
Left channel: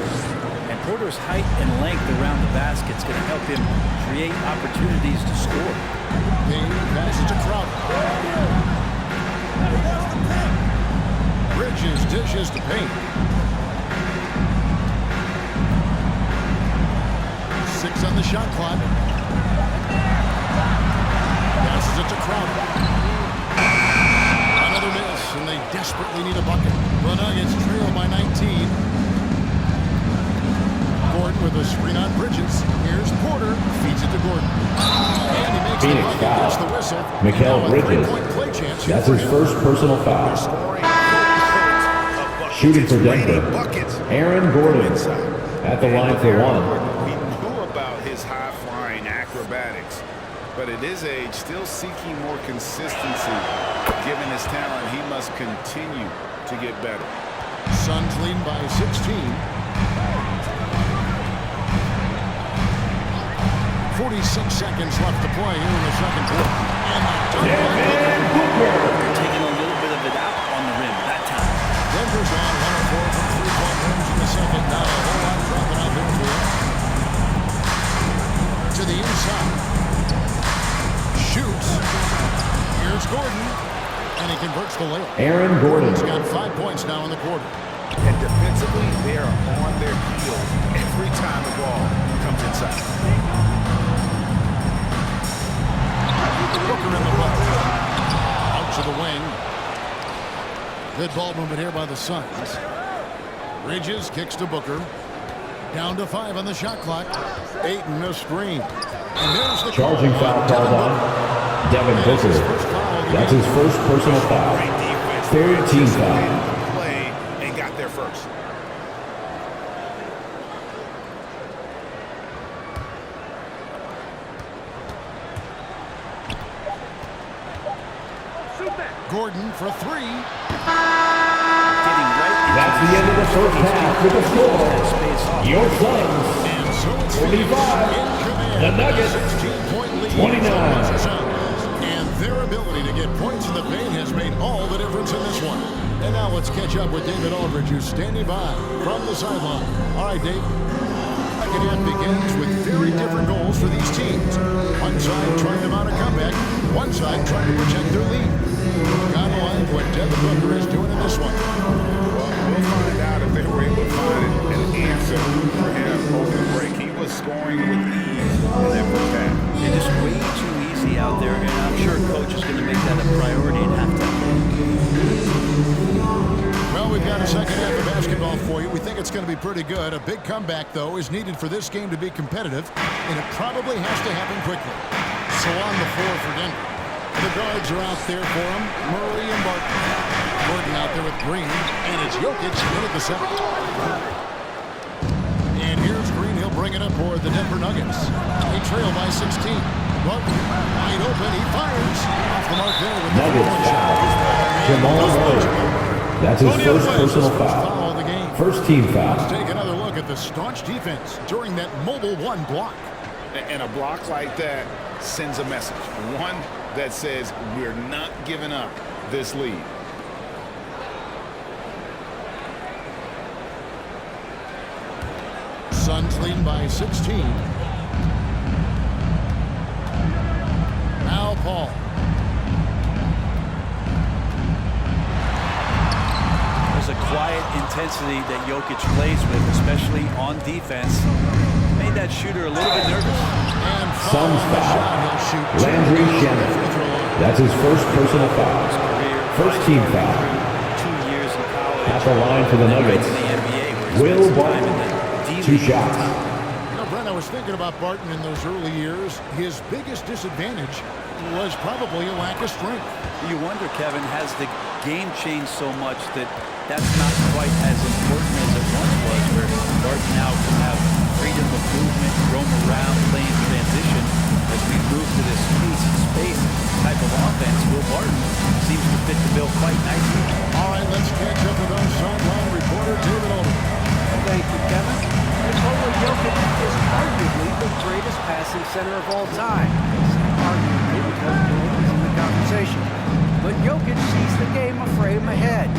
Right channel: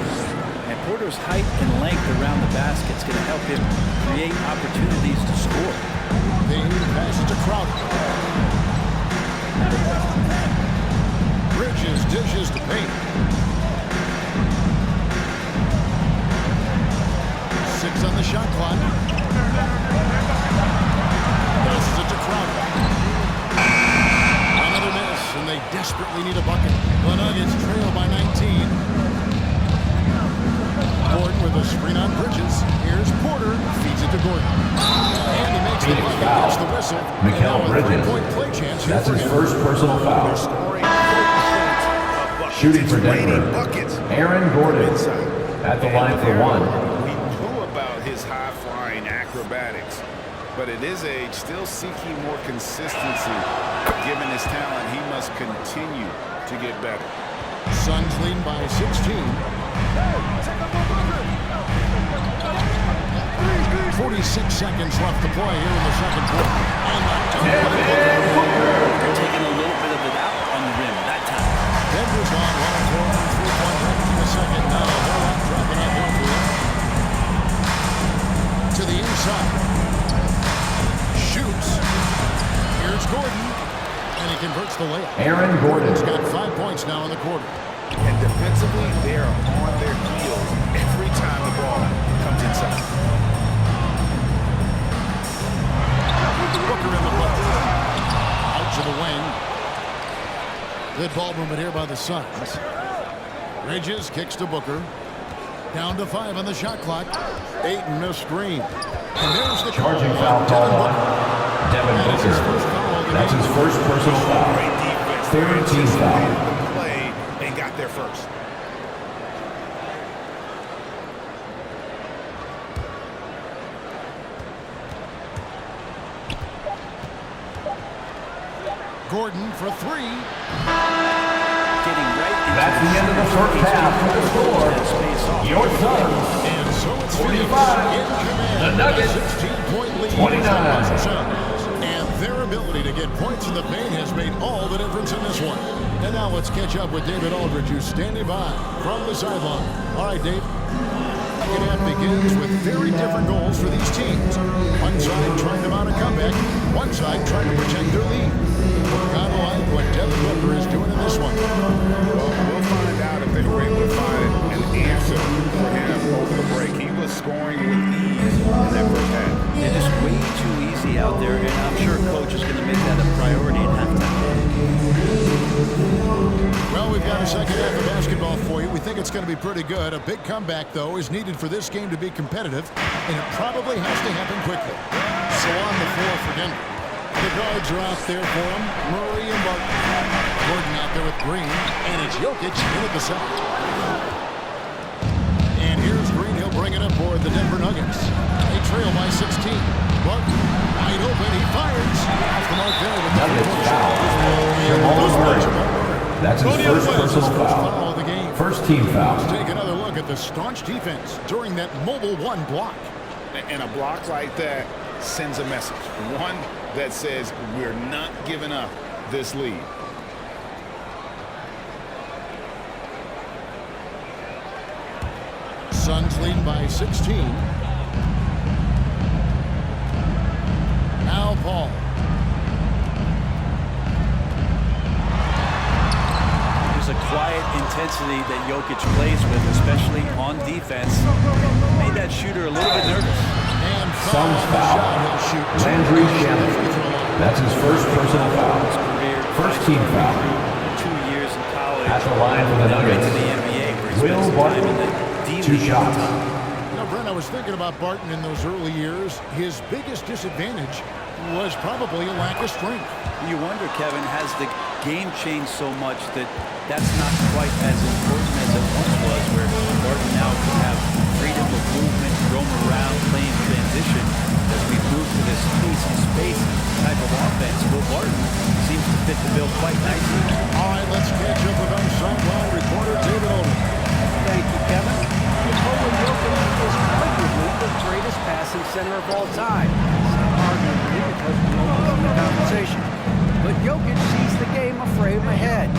And Porter's height and length around the basket is going to help him create opportunities to score. Payne passes to Crowder. Bridges dishes to Payne. 6 on the shot clock. Passes it to Crowder. Another miss, and they desperately need a bucket. The Nuggets trail by 19. Gordon with a screen on Bridges. Here's Porter. Feeds it to Gordon. And he makes Phoenix the bucket, foul. gets the whistle. Mikal And now a Bridges. 3-point play chance here That's for his him. first personal foul. They're scoring boatloads of buckets. Shooting for It's raining Denver. buckets Aaron Gordon. inside. At the And line with for Aaron 1. Gordon, we knew about his high-flying acrobatics. but at his age, still seeking more consistency. Given his talent, he must continue to get better. Suns leading by 16. 46 seconds left to play here in the second quarter. And the dunk by Booker. Booker taking a little bit of it out on the rim that time. Denver's gone 1 of 4 from three-point range in the second. Not a whole lot dropping out there for them. To the inside. Shoots. Here's Gordon. And he converts the layup. Aaron Gordon's got 5 points now in the quarter. And defensively, they are on their heels every time the ball comes inside. Booker in the book. Out to the wing. Good ball movement here by the Suns. Bridges kicks to Booker. Down to 5 on the shot clock. Ayton missed screen. And there's the charging foul called on Devin Booker. That's his first personal foul. Great defense. Third team foul. The play and got there first. Gordon for 3. Getting right into That's the end of the first half with the score. Your Suns, And so it's 45. in command. The Nuggets, 16-point lead. 29. And their ability to get points in the paint has made all the difference in this one. And now let's catch up with David Aldridge, who's standing by from the sideline. All right, Dave. Second half begins with very different goals for these teams. One side trying to mount a comeback, one side trying to protect their lead. Kind of like what Devin Booker is doing in this one. Well, we'll find out if they were able to find an answer for him over the break. He was scoring with ease in that first half. They're just way too easy out there, and I'm sure coach is going to make that a priority at halftime. Well, we've got a second half of basketball for you. We think it's going to be pretty good. A big comeback, though, is needed for this game to be competitive, and it probably has to happen quickly. So on the floor for Denver. The guards are out there for him. Murray and Barton. Gordon out there with Green, and it's Jokic in at the center. And here's Green. He'll bring it up for the Denver Nuggets. They trail by 16. Barton wide open. He fires. Off the mark there with the three-point shot. Jamal Murray. That's his first personal foul. Of the game. First team foul. Let's take another look at the staunch defense during that mobile one block. And a block like that sends a message. One that says we're not giving up this lead. Suns leading by 16. Now Paul. There's a quiet intensity that Jokic plays with, especially on defense. Made that shooter a little bit nervous. And Suns on the foul. shot, he'll shoot two Landry from the Shamet. free throw line. That's his first personal foul. His career, First team five-star foul. recruit, 2 years in college. At the line for the and then right Nuggets. to the NBA, where he Will spent some time Barton. in the D Two League. shots. You know, Brent, I was thinking about Barton in those early years. His biggest disadvantage was probably a lack of strength. You wonder, Kevin, has the game changed so much that that's not quite as important as it once was, where Barton now can have freedom of movement, roam around, play in transition. As we move to this pace and space type of offense, Will Barton seems to fit the bill quite nicely. All right, let's catch up with our sideline reporter, David Aldridge. Thank you, Kevin. Nikola Jokic is arguably the greatest passing center of all time. I say arguably because Wilt is in the conversation. But Jokic sees the game a frame ahead.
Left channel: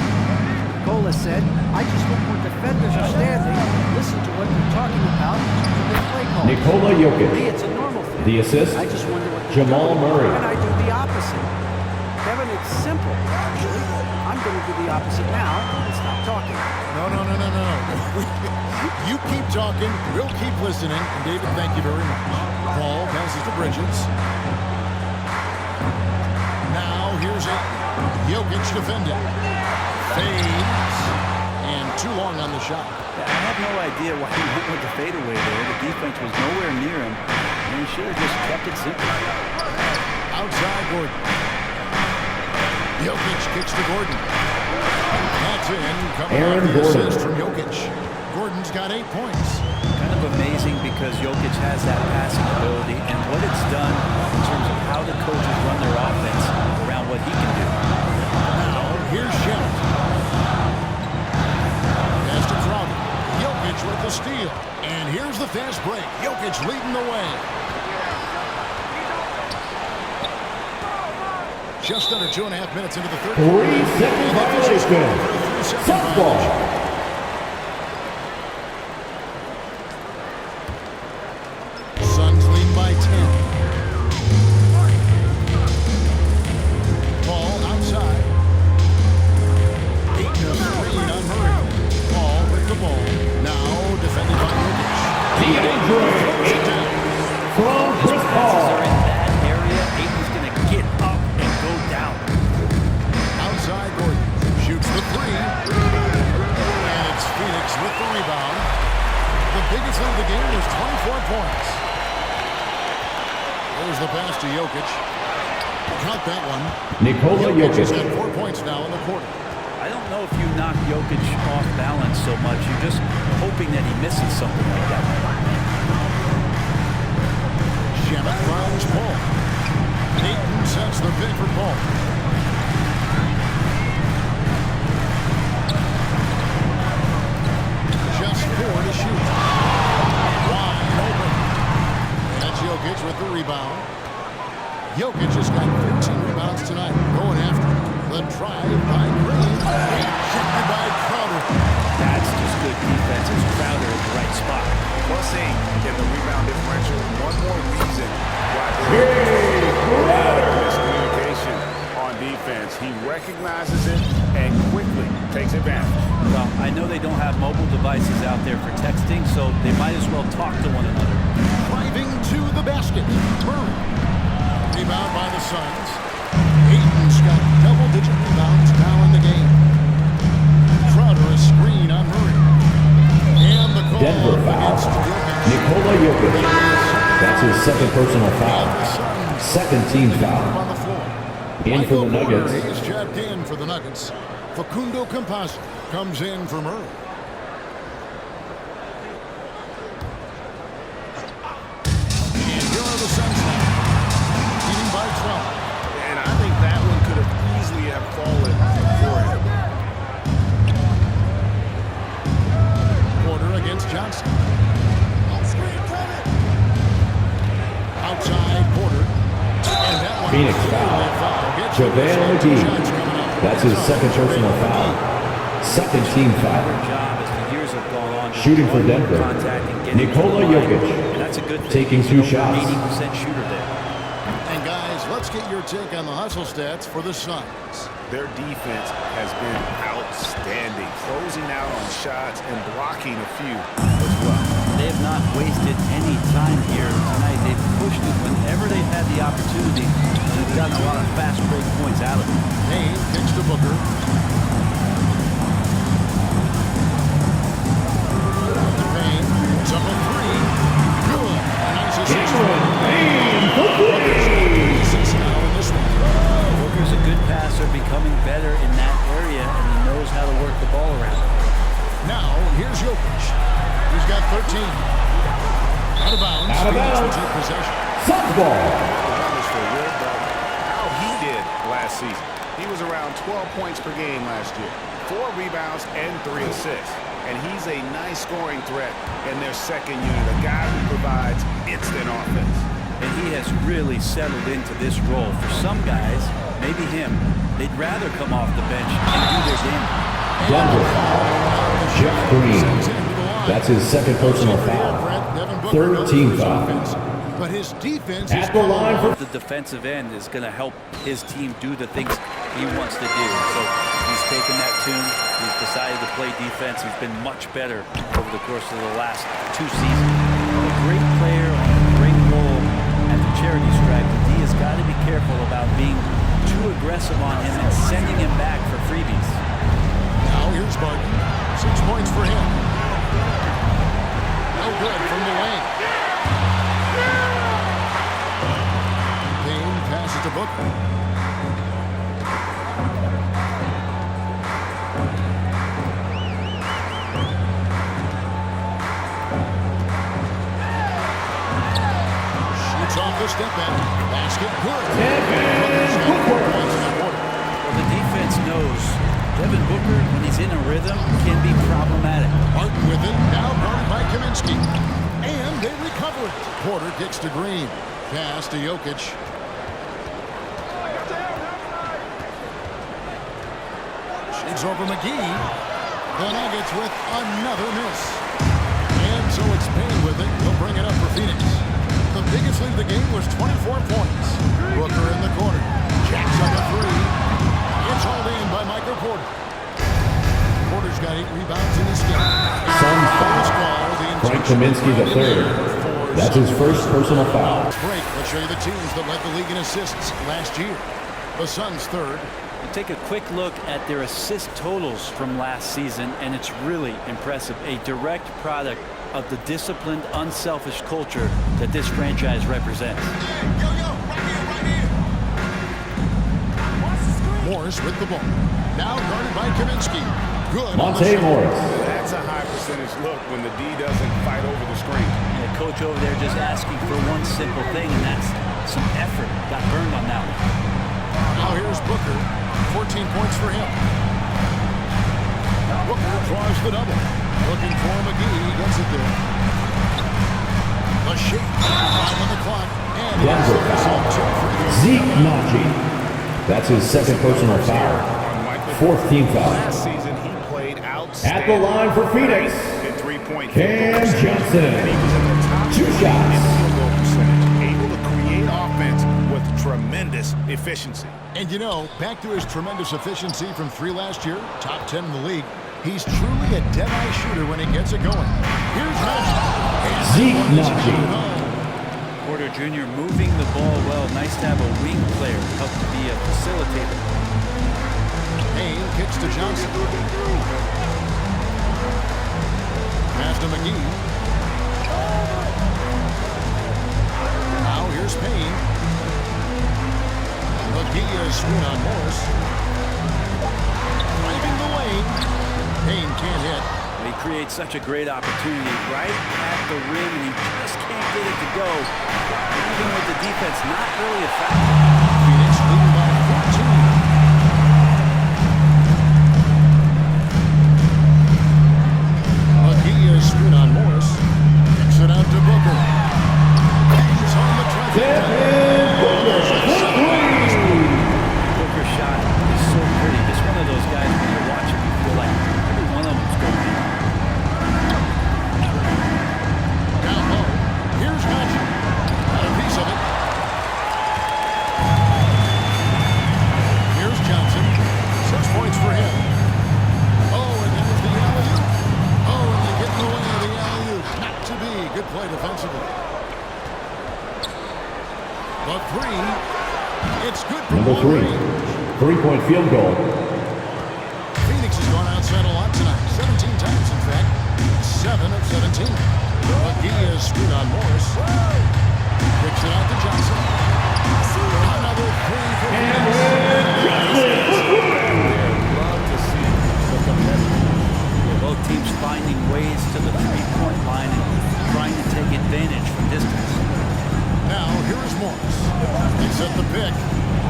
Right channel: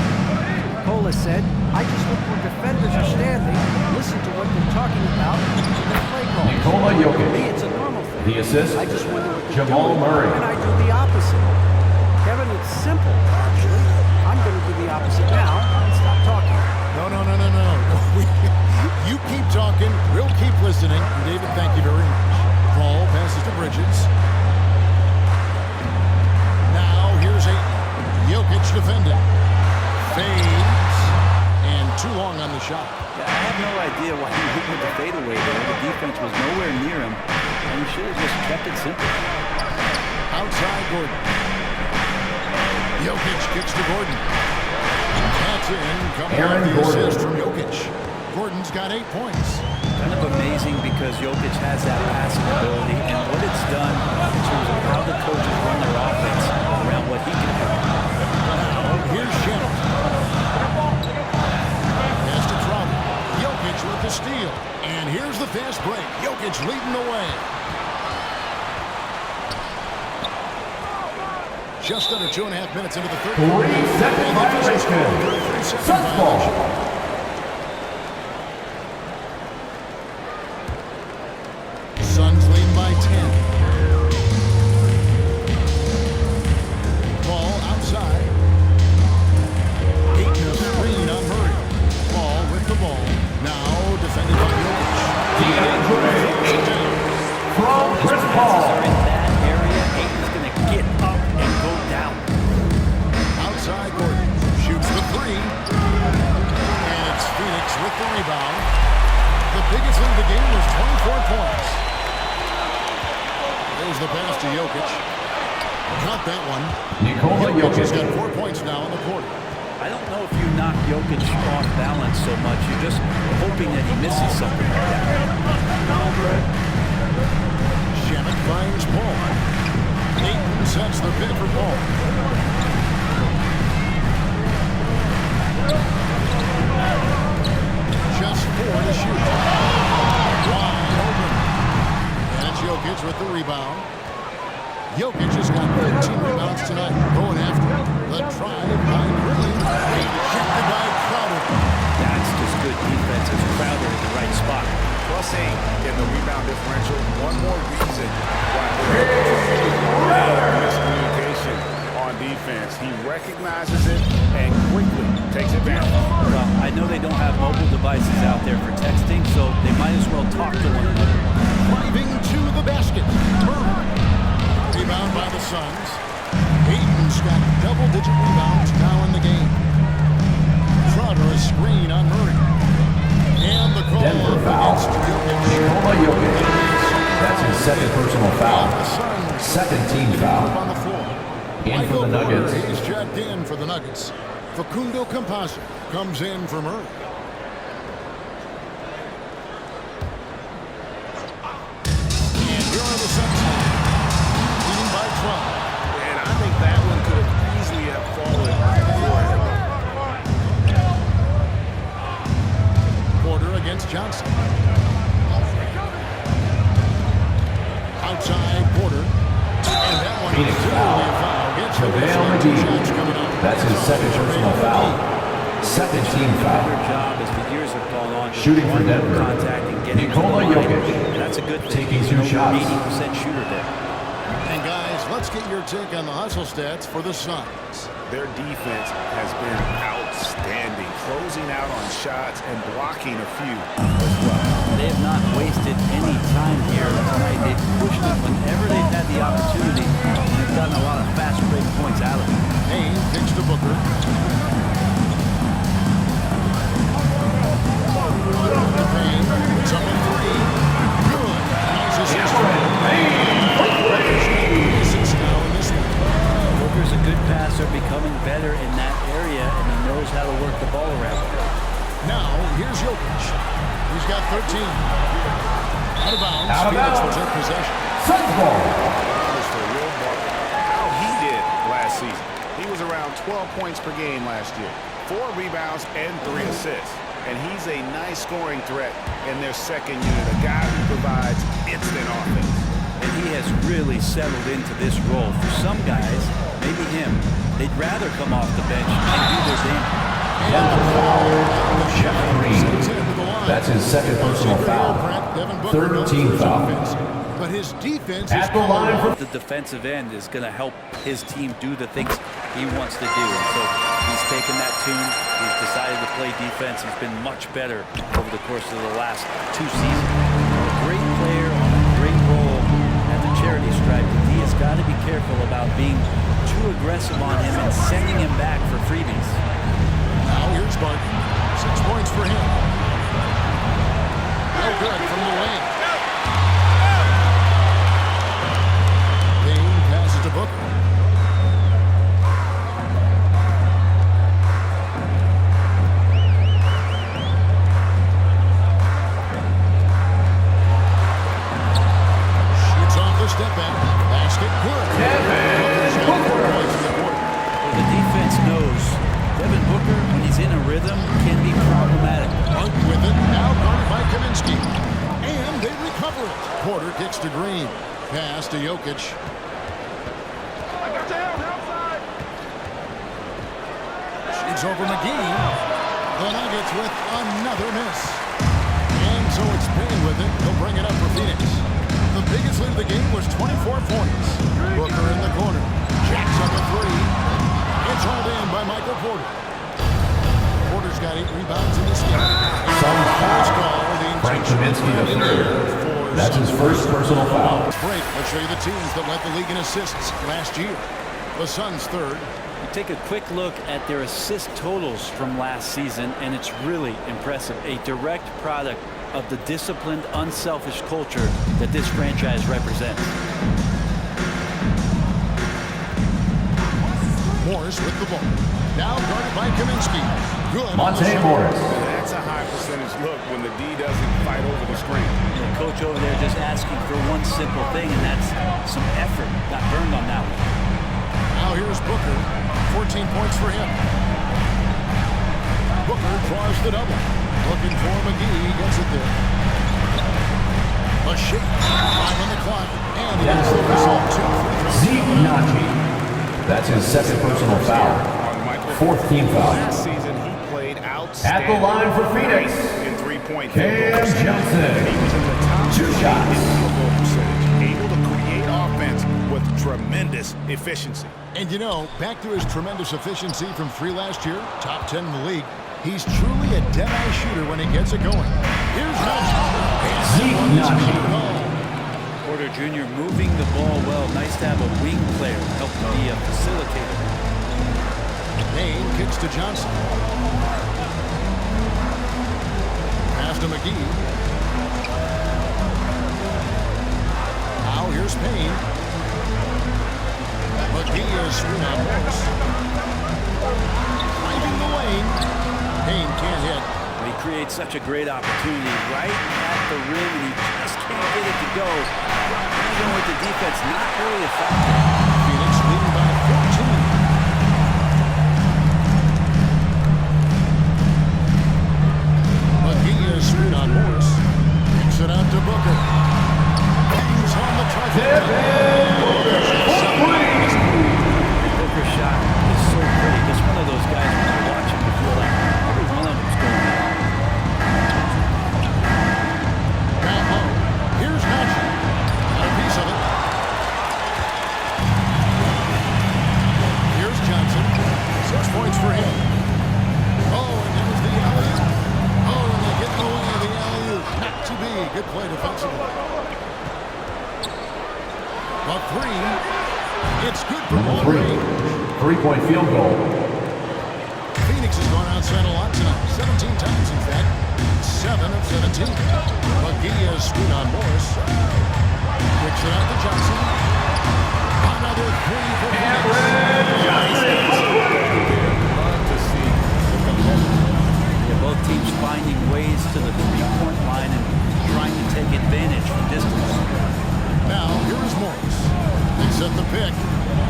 Nikola said, I just look where defenders are standing, listen to what they're talking about, and then play calls. Nikola Jokic. For me, it's a normal thing. The assist, I just wonder what they're Jamal doing, Murray. and I do the opposite. Kevin, it's simple, actually. I'm going to do the opposite now and stop talking. No. You keep talking, we'll keep listening. And David, thank you very much. Paul passes to Bridges. Now here's Ayton. Jokic defending. Fades. And too long on the shot. Yeah, I have no idea why he went with the fadeaway there. The defense was nowhere near him, and he should have just kept it simple. Outside Gordon. Jokic kicks to Gordon. And that's in. Coming Aaron off the Gordon. assist from Jokic. Gordon's got 8 points. Kind of amazing because Jokic has that passing ability and what it's done in terms of how the coaches run their offense around what he can do. Now, here's Shemet. Pass to Crowder. Jokic with the steal. And here's the fast break. Jokic leading the way. Just under 2.5 minutes into the third quarter. 3-second violation. For a 3-second violation. Suns lead by 10. Ball outside. Ayton a screen on Murray. Ball with the ball. Now defended by Jokic. Throws it down. From Chris Passes Paul. are in that area. Ayton's going to get up and go down. Outside Gordon. Shoots the three. And it's Phoenix with the rebound. The biggest lead of the game was 24 points. There's the pass to Jokic. Count that one. Nikola Jokic has Jokic. got 4 points now in the quarter. I don't know if you knock Jokic off balance so much. You're just hoping that he misses something like that. Shemet finds Paul. Ayton sets the pick for Paul. Just 4 to shoot. Wide open. And it's Jokic with the rebound. Jokic has got 15 rebounds tonight. Going after it. The drive by Green. Rejected by Crowder. That's just good defense as Crowder in the right spot. +8 in the rebound differential. One more reason why they're miscommunication on defense. He recognizes it and quickly takes advantage. Well, I know they don't have mobile devices out there for texting, so they might as well talk to one another. Driving to the basket. Murray. Rebound by the Suns. Ayton's got double-digit rebounds now in the game. Crowder a screen on Murray. And the call Denver foul. against Jokic. Nikola Jokic. That'll be his second That's foul his second of the game. personal foul. And the Suns Second with team the foul. group on the floor. In for Michael the Porter, Nuggets. he's checked in for the Nuggets. Facundo Campazzo comes in for Murray. And here are the Suns now, leading by 12. And I think that one could have easily have fallen for him. Porter against Johnson. Outside Porter. And that one Phoenix clearly foul. a foul. Gets JaVale two McGee. shots coming up. That's his second personal foul. Second team foul. Better job as the years have gone on. just Shooting for drawing more Denver. Contact and getting Nikola to the line. Jokic. And that's a good thing. Taking He's two an over shots. 80% shooter there. And guys, let's get your take on the hustle stats for the Suns. Their defense has been outstanding, closing out on shots and blocking a few as well. They have not wasted any time here tonight. They've pushed it whenever they've had the opportunity, and they've gotten a lot of fast break points out of it. Payne kicks to Booker. To Payne. It's up a three. Good. Nice assist. Booker's got 3 assists now in this one. Booker's a good passer, becoming better in that area, and he knows how to work the ball around. Now, here's Jokic. He's got 13. Out of bounds. Out of Phoenix will bounds. take possession. Suns ball. The numbers for Will Barton, how he did last season. He was around 12 points per game last year, 4 rebounds and 3 assists. And he's a nice scoring threat in their second unit, a guy who provides instant offense. And he has really settled into this role. For some guys, maybe him, they'd rather come off the bench and do their damage. And the call on the Jeff shot Green. sends him to the line. That's his second personal Secret here, foul. Brent. Devin Booker Third knows team for his foul. offense, but his defense is At the line for The defensive end is going to help his team do the things he wants to do. So he's taken that tune. He's decided to play defense. He's been much better over the course of the last 2 seasons. A great player on a great role at the charity stripe. The D has got to be careful about being too aggressive on him and sending him back for freebies. Now here's Barton. 6 points for him. No good from the wing. Payne passes to Booker. the step in. Basket good. Booker's got 4 points in the quarter. Well, the defense knows Devin Booker, when he's in a rhythm, can be problematic. Martin with it. Now guarded by Kaminsky. And they recover it. Porter kicks to Green. Pass to Jokic. Shades over McGee. The Nuggets with another miss. And so it's Payne with it. He'll bring it up for Phoenix. The biggest lead of the game was 24 points. Booker in the corner. Jacks up a three. It's hauled in by Michael Porter. Porter's got 8 rebounds in this game. Suns foul. Frank Kaminsky the third. That's his first personal foul. Let's break. Let's show you the teams that led the league in assists last year. The Suns third. You take a quick look at their assist totals from last season, and it's really impressive. A direct product of the disciplined, unselfish culture that this franchise represents. Morris with the ball. Now guarded by Kaminsky. Good. Monte Morris. That's a high percentage look when the D doesn't fight over the screen. And the coach over there just asking for one simple thing, and that's some effort. Got burned on that one. Now here's Booker. 14 points for him. Booker draws the double. Looking for McGee. Gets it there. A shake. 5 on the clock. And he gets the whistle. 2 free throws. Zeke Naji. That's his second personal foul. Fourth team foul. Last season, he played outstanding. At the line for Phoenix, in three-point Cam Johnson. And he was in the top 2 20 shots. in field goal percentage, able to create offense with tremendous efficiency. And you know, back to his tremendous efficiency from 3 last year, top 10 in the league, he's truly a dead-eye shooter when he gets it going. Here's Naji. Zeke Naji. Porter Jr. moving the ball well. Nice to have a wing player help to be a facilitator. Payne kicks to Johnson. Pass to McGee. Now here's Payne. McGee is screen on Morris. Driving the lane. Payne can't hit. Well, he creates such a great opportunity right at the rim, and he just can't get it to go. Even with the defense not really a factor. Phoenix leading by 14. McGee is screen on Morris. Kicks it out to Booker. Bangs on the trifecta. Booker's at 7 in this quarter. Booker's shot is so pretty. Just one of those guys, when you watch him, you feel like every one of them's going in. Down low. Here's Naji. Got a piece of it. Here's Johnson. 6 points for him. Oh, and there's the alley-oop. Oh, and they get in the way of the alley-oop. Not to be. Good play defensively. The 3. It's good from Number long 3. range. 3-point field goal. Phoenix has gone outside a lot tonight. 17 times, in fact. 7 of 17. McGee is screwed on Morris. Kicks it out to Johnson. Another 3 for Phoenix. Back there, love to see the competitive. Yeah, both teams finding ways to the three-point line and trying to take advantage from distance. Now, here is Morris. They set the pick.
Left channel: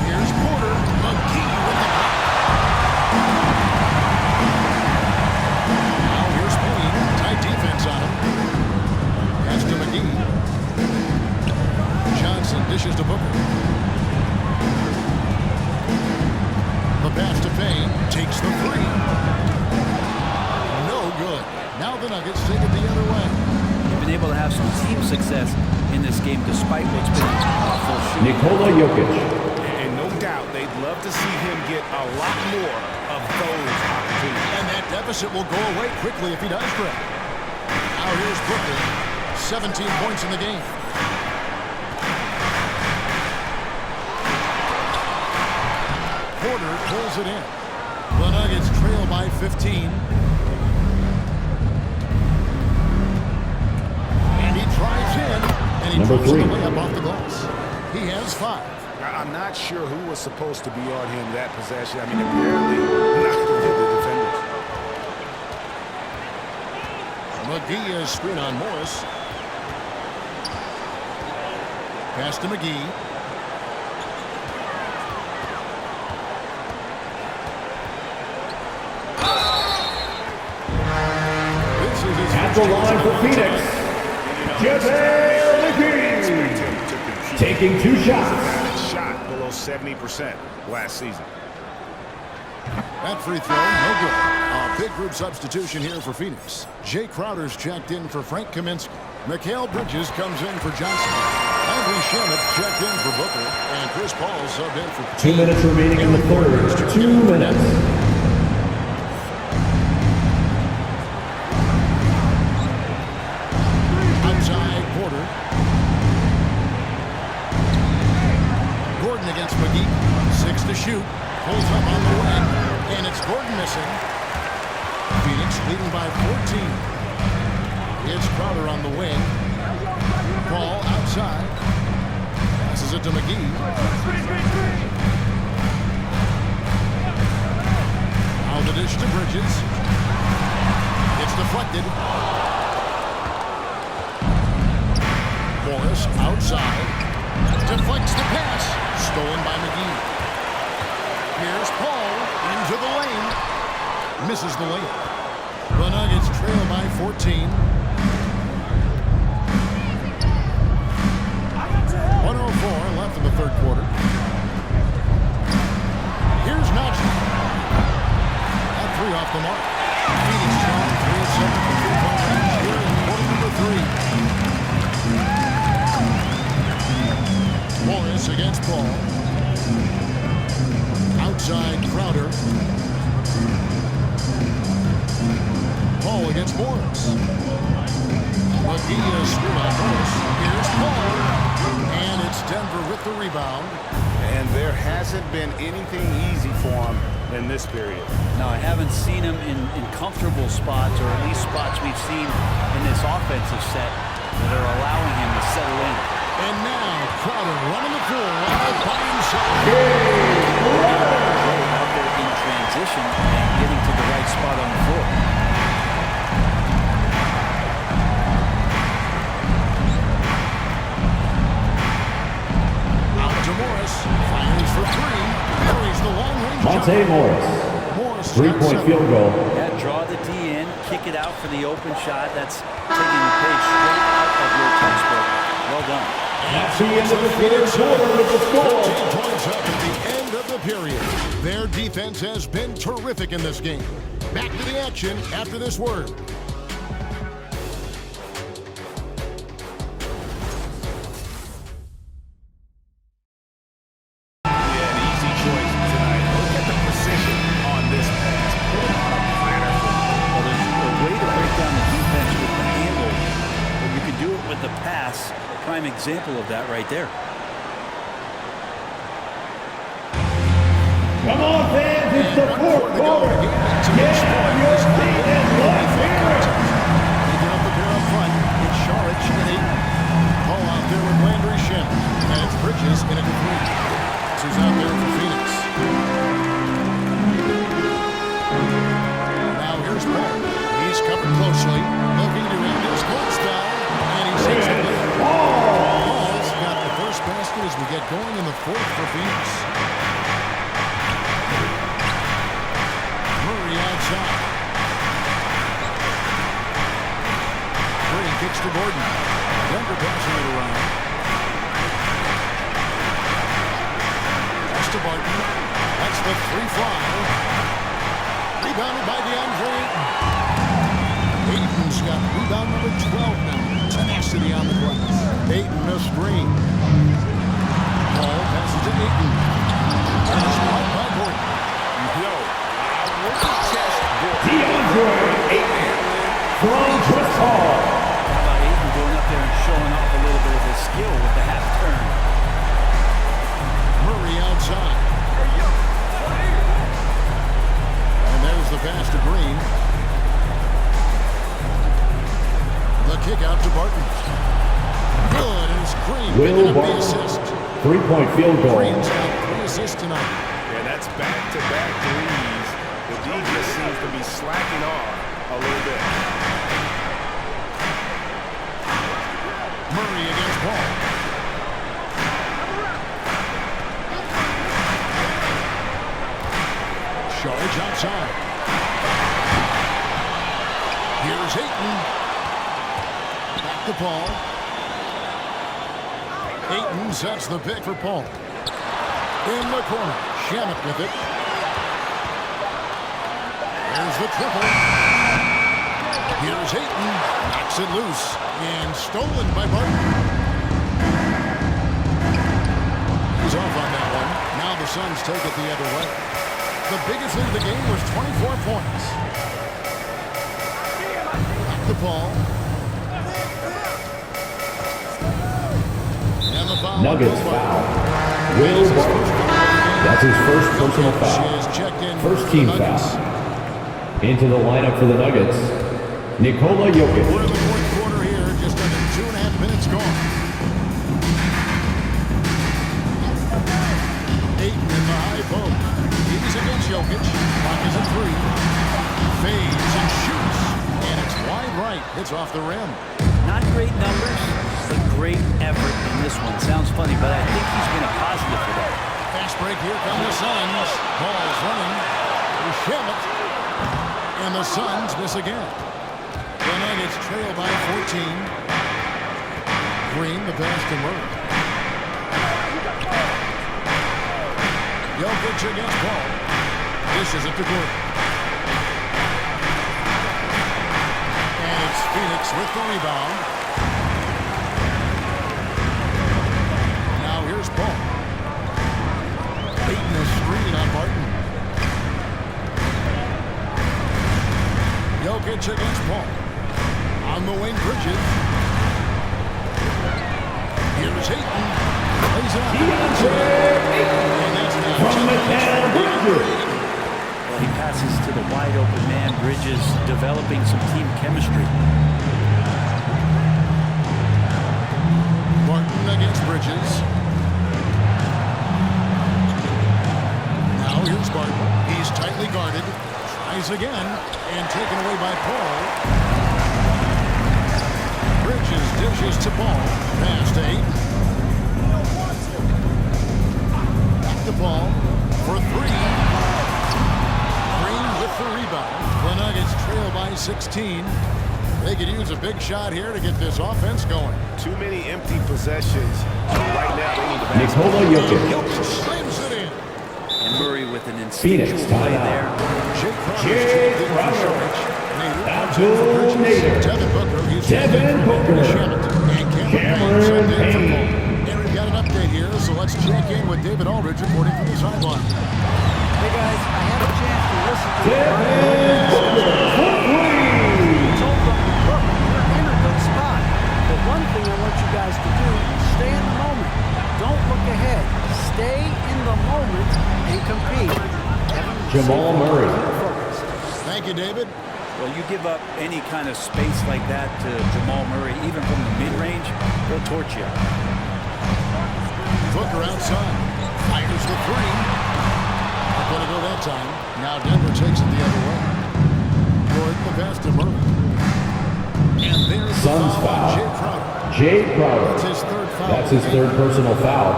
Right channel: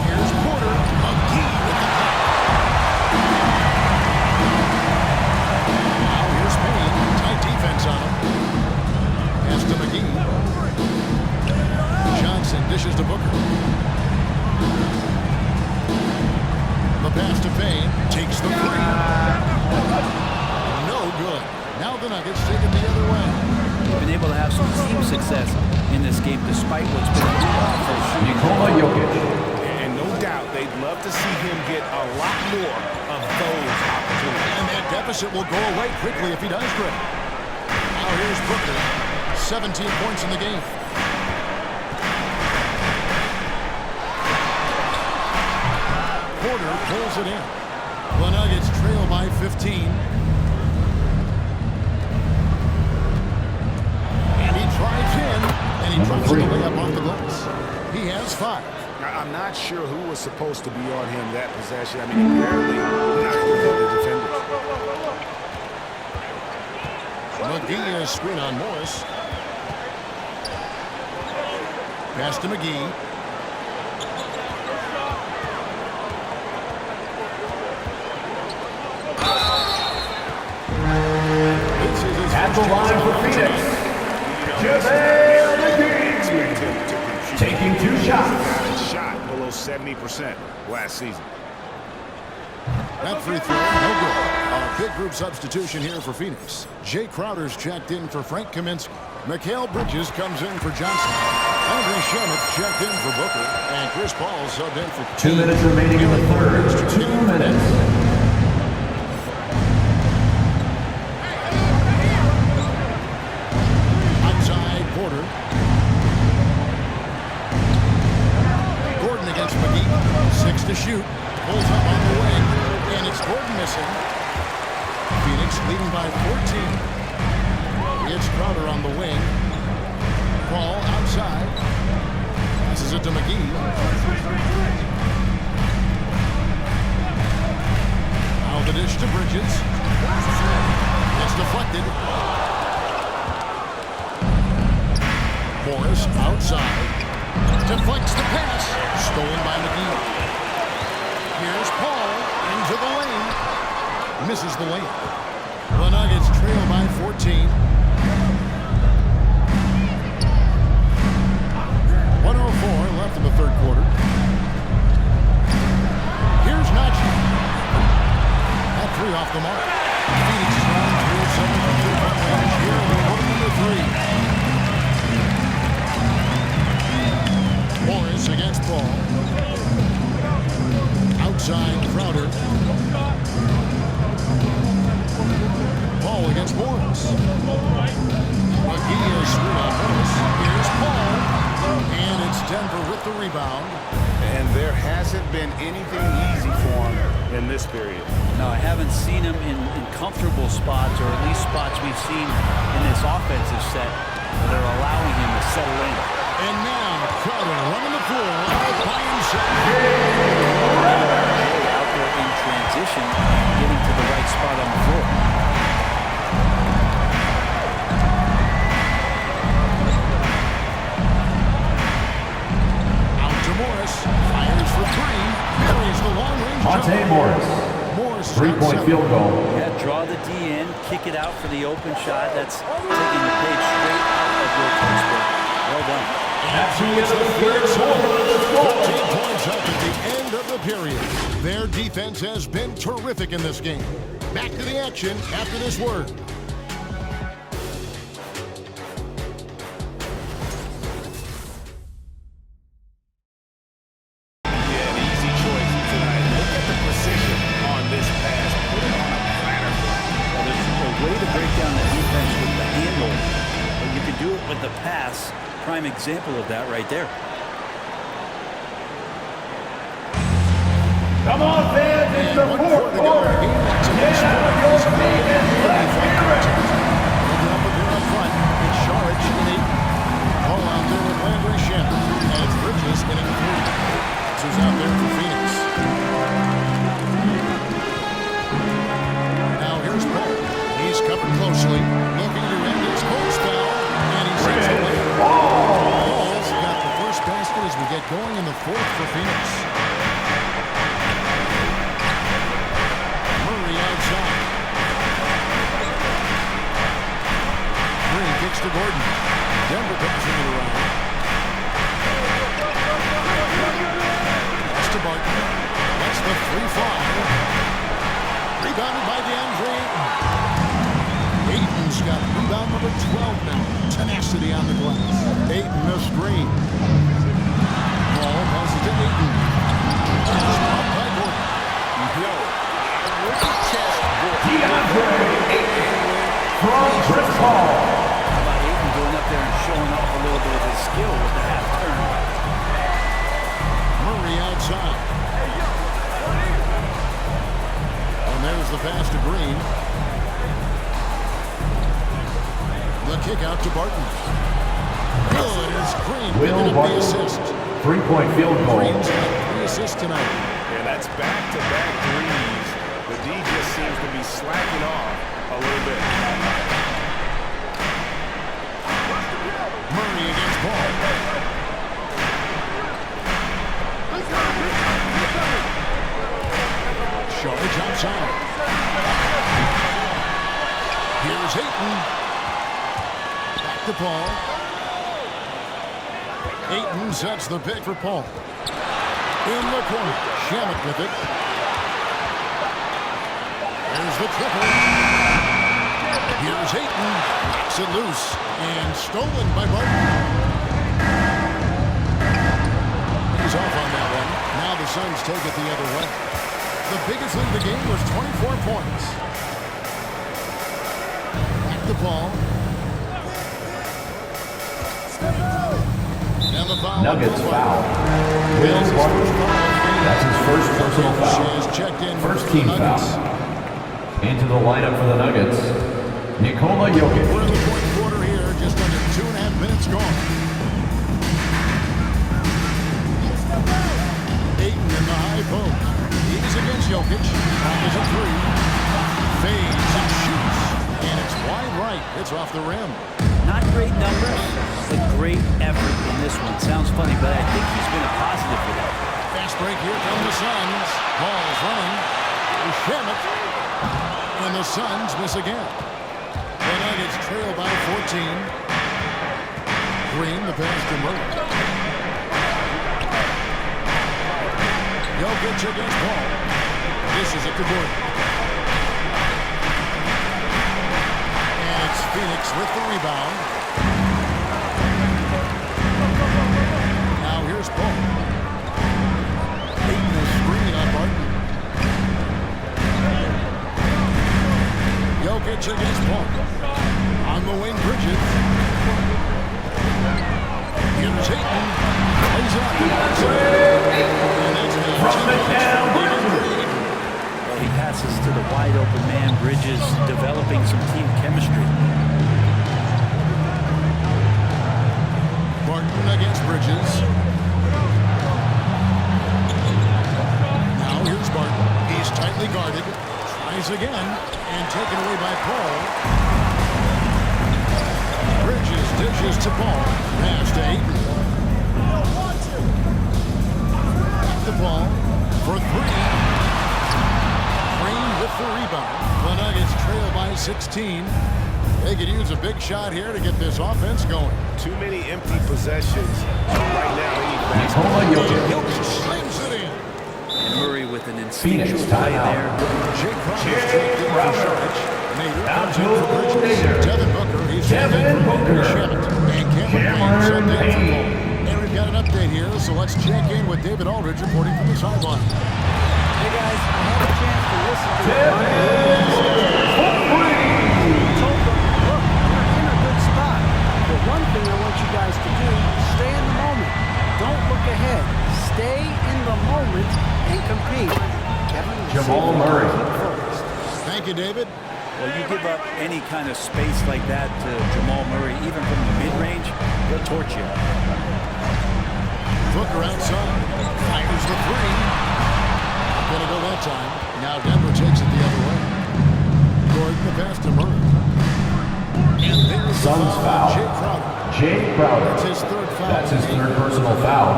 Here's Porter. McGee with the block. Now, here's Payne. Tight defense on him. Pass to McGee. Johnson dishes to Booker. The pass to Payne. Takes the 3. No good. Now the Nuggets take it the other way. They've been able to have some team success in this game despite what's been an awful shooting. Nikola Jokic. And no doubt they'd love to see him get a lot more of those opportunities. And that deficit will go away quickly if he does great. Now here's Booker. 17 points in the game. Porter pulls it in. The Nuggets trail by 15. And he drives in, and he drops it away up off the glass. He has 5. I'm not sure who was supposed to be on him that possession. I mean, apparently neither did the defenders. McGee is screen on Morris. Pass to McGee. This is his At the first chance line of for the Phoenix, night. This is not an area that we expect him to contribute. taking 2 He's a shots. guy that shot below 70% last season. That free throw, no good. A big group substitution here for Phoenix. Jay Crowder's checked in for Frank Kaminsky. Mikal Bridges comes in for Johnson. Landry Shamet checked in for Booker. And Chris Paul subbed in for 2 minutes remaining in the third. 2 minutes. Outside Porter. Gordon against McGee. 6 to shoot. Pulls up on the wing. And it's Gordon missing. Phoenix leading by 14. It's Crowder on the wing. Paul outside. Passes it to McGee. Now the dish to Bridges. It's deflected. Morris outside. Deflects the pass. Stolen by McGee. Here's Paul into the lane. Misses the layup. The Nuggets trail by 14. 1:04 left in the third quarter. Here's Najee. That 3 off the mark. Phoenix is on 3 of 7 from 3-point range here in quarter number 3. Morris against Paul. Outside Crowder. Paul against Morris. McGee is screwed on Morris. Here's Paul. And it's Denver with the rebound. And there hasn't been anything easy for him in this period. No, I haven't seen him in comfortable spots, or at least spots we've seen in this offensive set that are allowing him to settle in. And now Crowder running the floor all by himself. Forget about Jay out there in transition and getting to the right spot on the floor. Out to Morris. Fires for 3. Buries the long-range Monte jumper. Morris. Morris 3-point field goal. Yeah, draw the D in, kick it out for the open shot. That's taking the page straight out of your textbook. Well done. And so it's the Phoenix Suns. 13 points up at the end of the period. Their defense has been terrific in this game. Back to the action after this word. Yeah, an easy choice tonight. Look at the precision on this pass. Put it on a platter for him. Well, there's a way to break down the defense with the handle, but you can do it with the pass. Prime example of that right there. Come on, fans, it's the fourth quarter. To this point is not been really thought contest. They get up there up front. It's Saric and Ayton. Paul out there with Landry Shamet. And it's Bridges in at 3. This is out there for Phoenix. Now here's Paul. He's covered closely, looking to end his cold spell. And he sends the lead. Paul's got the first basket as we get going in the 4th for Phoenix. Murray outside. Green kicks to Gordon. Denver passing it around. Pass to Barton. Lets the 3 fly. Rebounded by DeAndre Ayton. Ayton's got rebound number 12 now. Tenacity on the glass. Ayton missed Green. Paul passes to Ayton. And it's blocked by Gordon. Yo, I wouldn't test Gordon. DeAndre Ayton from Chris Paul. How about Ayton going up there and showing off a little bit of his skill with the half turn? Murray outside. And there's the pass to Green. The kick out to Barton. Good as Green picking up the assist. 3-point field goal. Green's got 3 assists tonight. Yeah, that's back-to-back threes. The D just seems to be slacking off a little bit. Murray against Paul. Charge outside. Here's Ayton. Back to Paul. Ayton sets the pick for Paul. In the corner. Shamet with it. There's the triple. Here's Ayton. Knocks it loose. And stolen by Barton. He's off on that one. Now the Suns take it the other way. The biggest lead of the game was 24 points. Back to Paul. And the foul. Nuggets foul. Will Barton. That's his first personal foul. First team foul. Into the lineup for the Nuggets, Nikola Jokic. We're in the fourth quarter here, just under 2.5 minutes gone. Ayton in the high post. He's against Jokic. Clock is at 3. Fades and shoots. And it's wide right. It's off the rim. Not great numbers, but great effort in this one. Sounds funny, but I think he's been a positive for that. Fast break. Here come the Suns. Paul's running. Here's Shamet. And the Suns miss again. The Nuggets trail by 14. Green, the pass to Murray. Jokic against Paul. Dishes it to Gordon. And it's Phoenix with the rebound. Now here's Paul. Beating the screen on Barton. Jokic against Paul. On the wing, Bridges. Here's Ayton. Plays it up. And that's now Well, he passes to the wide open man. Bridges developing some team chemistry. Barton against Bridges. Now here's Barton. He's tightly guarded. Tries again. And taken away by Paul. Bridges dishes to Paul. Pass to Ayton. Back to Paul for 3. Green with the rebound. The Nuggets trail by 16. They could use a big shot here to get this offense going. Too many empty possessions. Right now they need the basketball. Nikola Jokic. Jokic slams it in. And Murray with an instinctual Phoenix play timeout. there. Jake Crowder's checked in for Saric. Nader comes in for Bridges. Nader. Devin Booker, he's checked in for Shamet. And Cameron Payne subbed in for Paul. And we've got an update here, so let's check in with David Aldridge reporting from the sideline. Hey guys, I had a chance to listen to what Mike Williams discussed. He told them, look, we're in a good spot. But one thing I want you guys to do is stay in the moment. Don't look ahead. Stay in the moment and compete. Kevin, Jamal Murray. keep focused. Thank you, David. Well, you give up any kind of space like that to Jamal Murray, even from the mid-range, he'll torch you. Booker outside. Fires the 3. Not going to go that time. Now Denver takes it the other way. Gordon the pass to Murray. And there's the Suns foul foul. on Jay Crowder. Jay Crowder. That's his third foul. That's his third personal foul.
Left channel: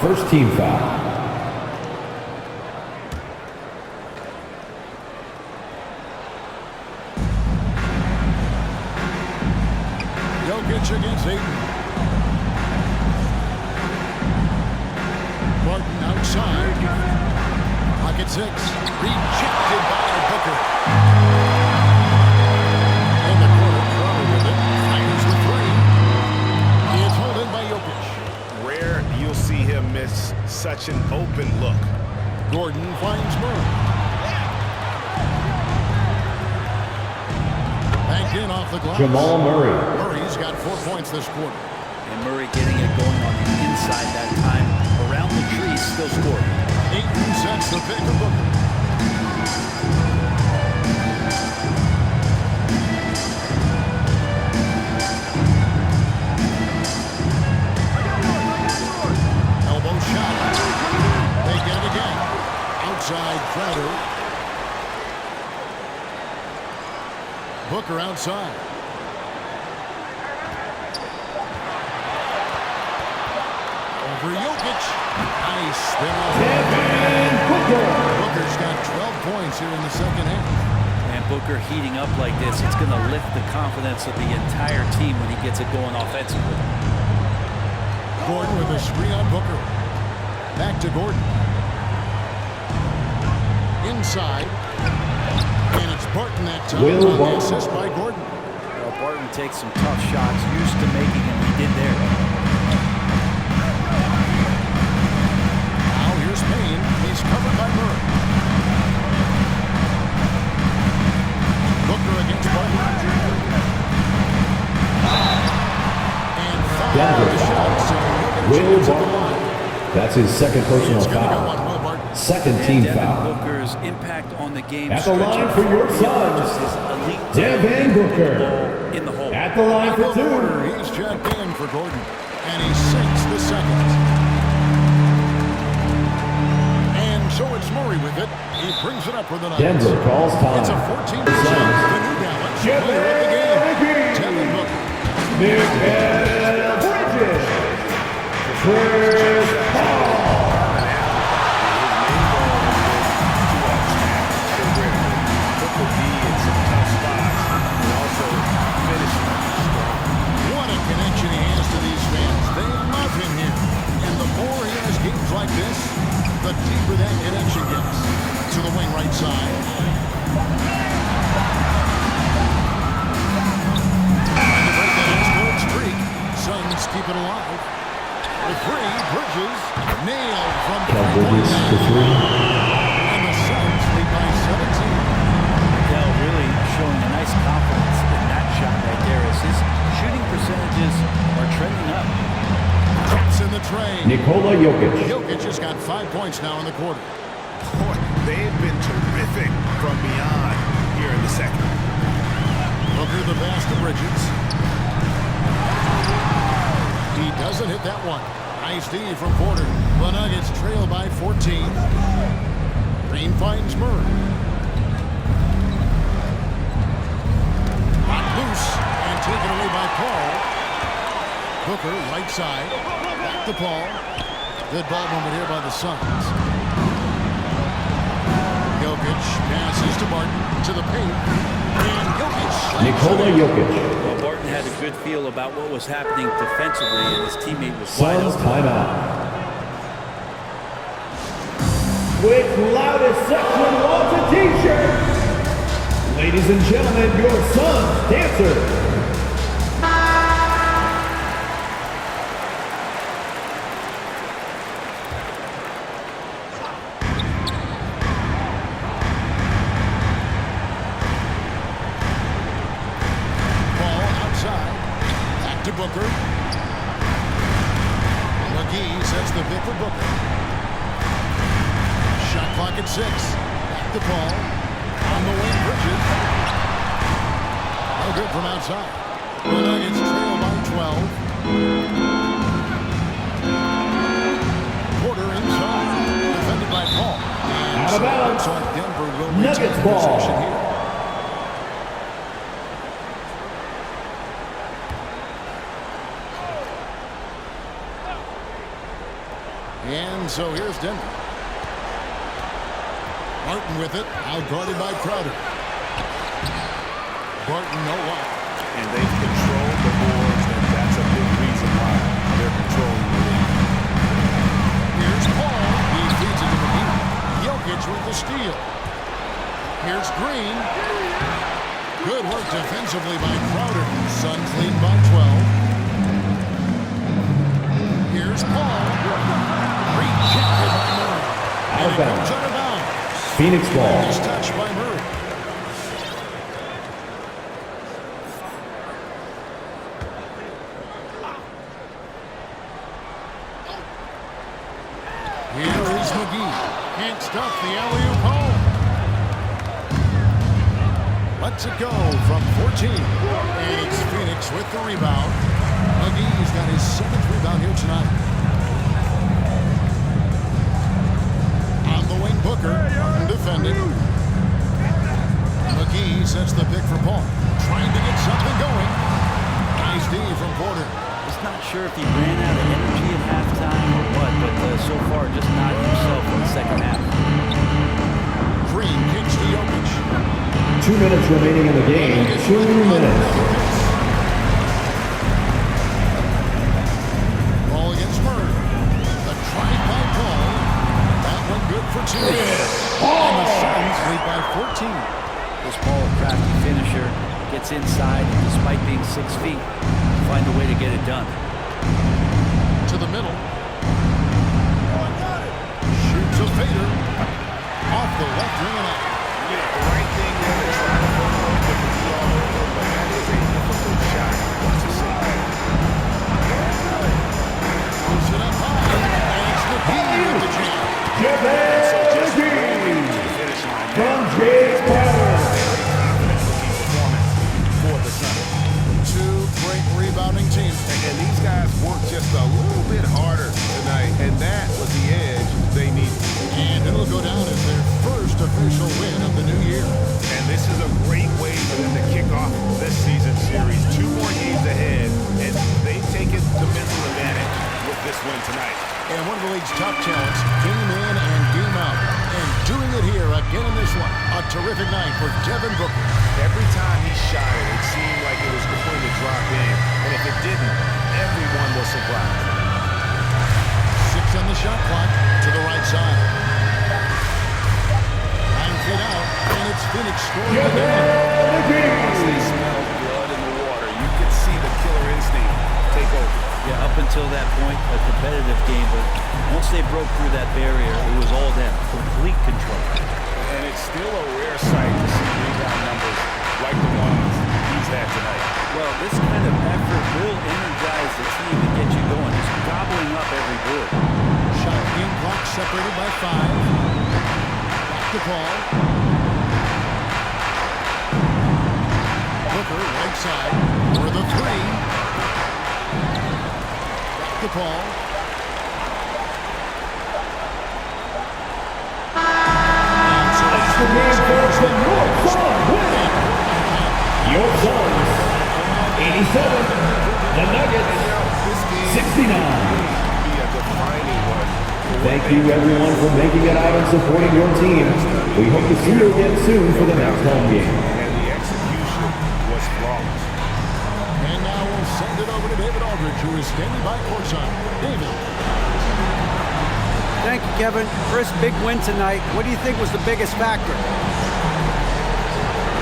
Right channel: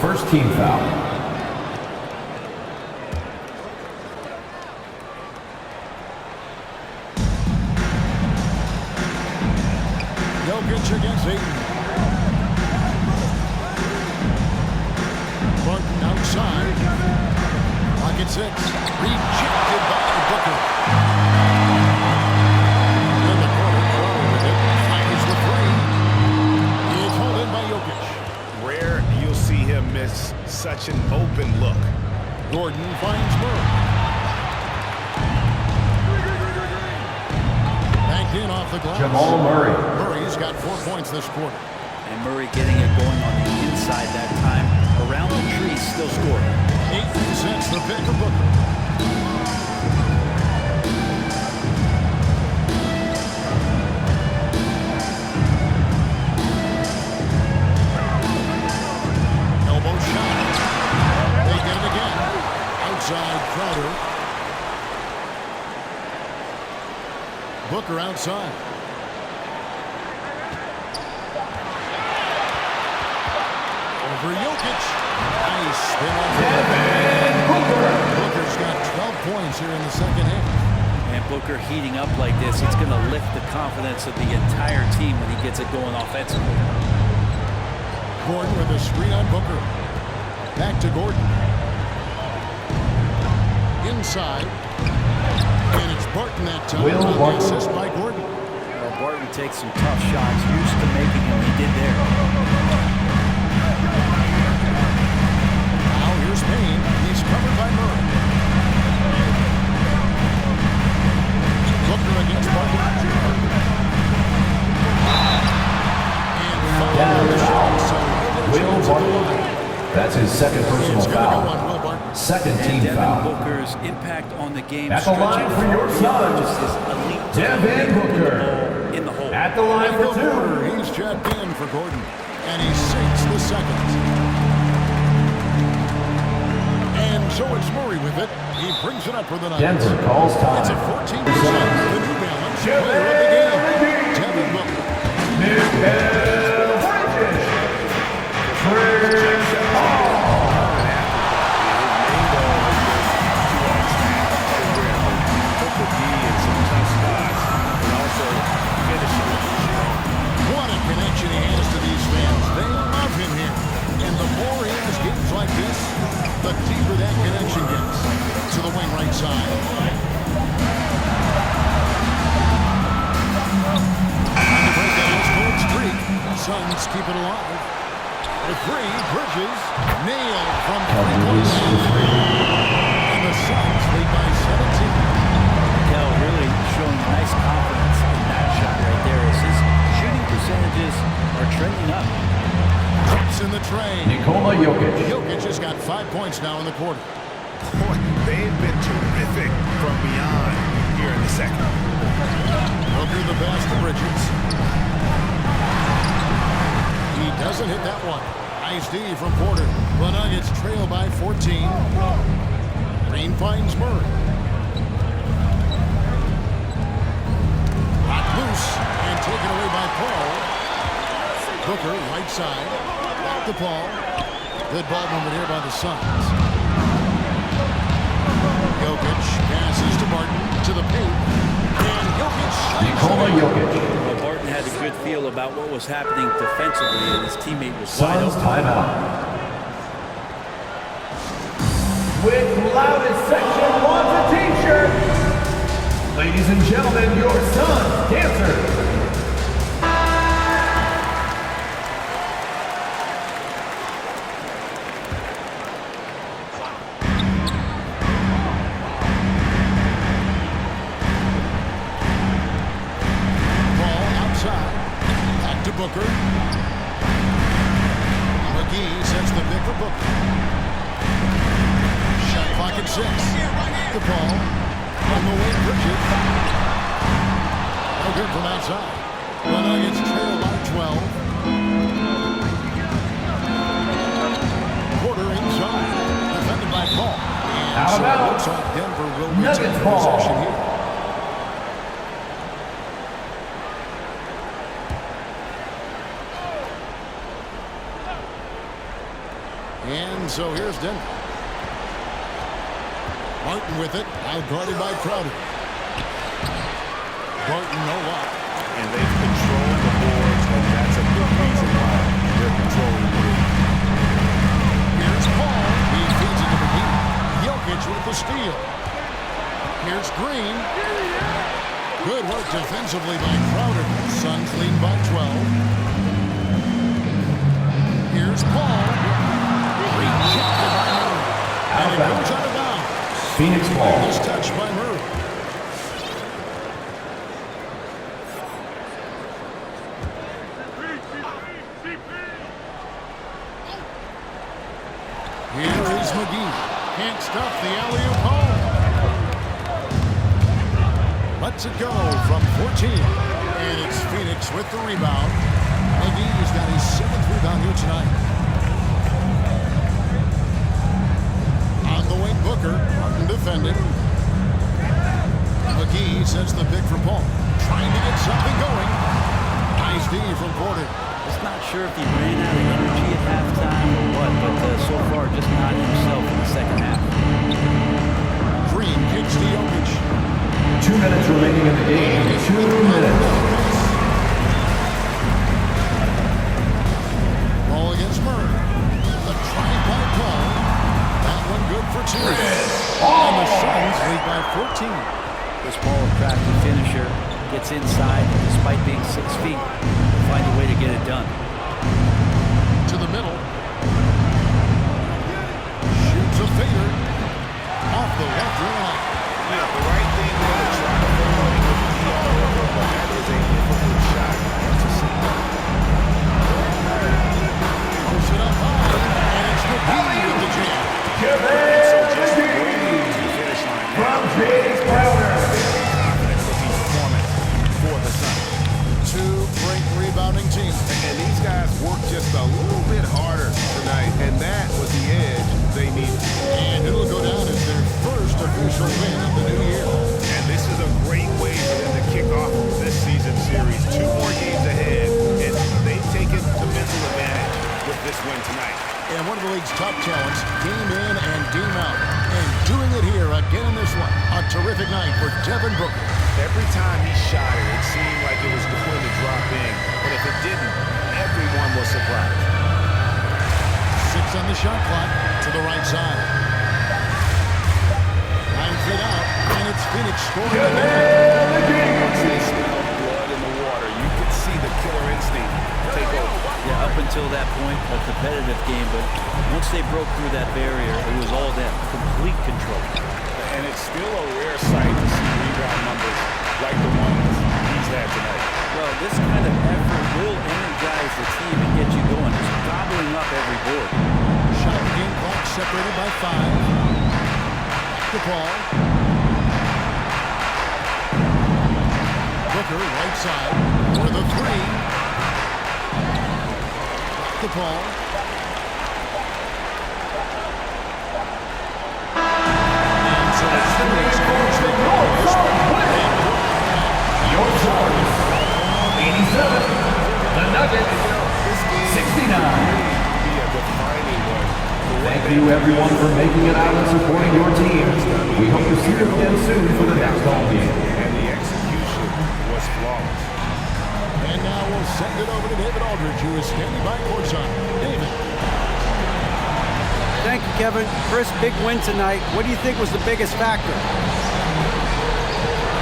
First team foul. Jokic against Ayton. Barton outside. Pocket 6. Rejected by Booker. In the corner, Crowder with it. Fires the 3. It's hauled in by Jokic. Rare you'll see him miss such an open look. Gordon finds Murray. Banked in off the glass. Jamal Murray. Murray's got 4 points this quarter. And Murray getting it going on the inside that time. Around the tree, still scoring. Ayton sets the pick of Booker. Elbow shot. They get it again. Outside Crowder. Booker outside. Over Jokic. Nice spin off. Devin Booker's got 12 points here in the second half. And Booker heating up like this, it's going to lift the confidence of the entire team when he gets it going offensively. Gordon with a screen on Booker. Back to Gordon. Inside. And it's Barton that time on the assist by Gordon. Well, Barton takes some tough shots, used to making them. He did there. Now here's Payne. He's covered by Murray. Booker against Barton. And foul on the shot, so he'll get a chance at the line. That's his second personal It's going to go foul. on Will Barton. Second And team Devin foul. Booker's impact on the game At the line for your son, just his elite Devin putting Booker. the ball in the hole. At the line Michael for two. Porter, he's checked in for Gordon. And he sinks the second. And so it's Murray with it. He brings it up for the Nuggets. Denver calls time. It's a 14%. The New Balance player of the game. Devin Booker. The D in some tough spots and also finishing strong. What a connection he has to these fans. They love him here. And the more he has games like this, the deeper that connection gets. To the wing right side. Trying to break that ice-cold streak. Suns keep it alive. The three, Bridges, nailed from three-point land. And the Suns lead by 17. Really showing a nice confidence in that shot right there as his shooting percentages are trending up. Drops in the tray. Nikola Jokic. Jokic has got 5 points now in the quarter. Boy, they've been terrific from beyond here in the second. Booker the pass to Bridges. He doesn't hit that one. Nice D from Porter. The Nuggets trail by 14. Green finds Murray. Loose and taken away by Paul. Booker, right side. Back to Paul. Good ball movement here by the Suns. Jokic passes to Barton to the paint. And Jokic Nikola Jokic. Well, Barton had a good feel about what was happening defensively, and his teammate was wide Suns open. timeout. With loudest section wants a t-shirt. Ladies and gentlemen, your Suns dancer. Ball outside. Back to Booker. McGee sets the pick for Booker. Shot clock at 6. Back to Paul. On the wing, Bridges. No good from outside. The Nuggets trail by 12. Porter inside. Defended by Paul. And Out of so it bounds. looks like Denver will Nuggets retain ball. possession here. And so here's Denver. Barton with it, outguarded by Crowder. Barton no up. And they've controlled the boards, and that's a big reason why they're controlling the lead. Here's Paul. He feeds it to McGee. Jokic with the steal. Here's Green. Good work defensively by Crowder. Suns lead by 12. Here's Paul. Rejected by Murray. And it goes out of bounds. Phoenix ball. Nice touch by Murray. Here is McGee. Can't stuff the alley-oop home. Lets it go from 14. And it's Phoenix with the rebound. McGee's got his 7th rebound here tonight. On the wing, Booker. Martin defending. McGee sets the pick for Paul. Trying to get something going. Nice D from Porter. Just not sure if he ran out of energy at halftime or what, but so far just not himself in the second half. Green kicks to Jokic. 2 minutes remaining in the game. 2 minutes. Another miss. Ball against Murray. The drive by Paul. That one good for 2. And the Suns lead by 14. This Paul, a crafty finisher, gets inside, and despite being 6 feet, find a way to get it done. To the middle. Shoots a fader. Off the left rim and out. You know, the right thing there to try to put away with the DR over, but that is a difficult shot to see. Pulls it up high, and it's McGee with the jam. And so just rolling to the finish line now. It's been a very confident-looking performance for the Suns. 2 great rebounding teams. And these guys worked just a little bit harder tonight, and that was the edge they needed. And it'll go down as their first official win of the new year. And this is a great way for them to kick off this season series. 2 more games ahead, and they've taken the mental advantage with this win tonight. And one of the league's top talents, game in and game out. And doing it here again in this one. A terrific night for Devin Booker. Every time he shot it, it seemed like it was going to drop in. And if it didn't, everyone was surprised. 6 on the shot clock to the right side. 9 feet out, and it's Phoenix scoring again. Once they smelled blood in the water, you could see the killer instinct take over. Yeah, up until that point, a competitive game, but once they broke through that barrier, it was all them, complete control. And it's still a rare sight to see rebound numbers like the ones he's had tonight. Well, this kind of effort will energize the team and get you going, just gobbling up every board. Shot game clock separated by 5. Back to Paul. Booker, right side, for the 3. Back to Paul. And so it's Phoenix who's the north side. Your score, 87. The Nuggets, 69. Be a defining one. Thank you, everyone, for making it out and supporting your team. We hope to see you again soon for the next home game. And the execution was flawless. And now we'll send it over to David Aldridge, who is standing by courtside. David. Thank you, Kevin. Chris, big win tonight. What do you think was the biggest factor? I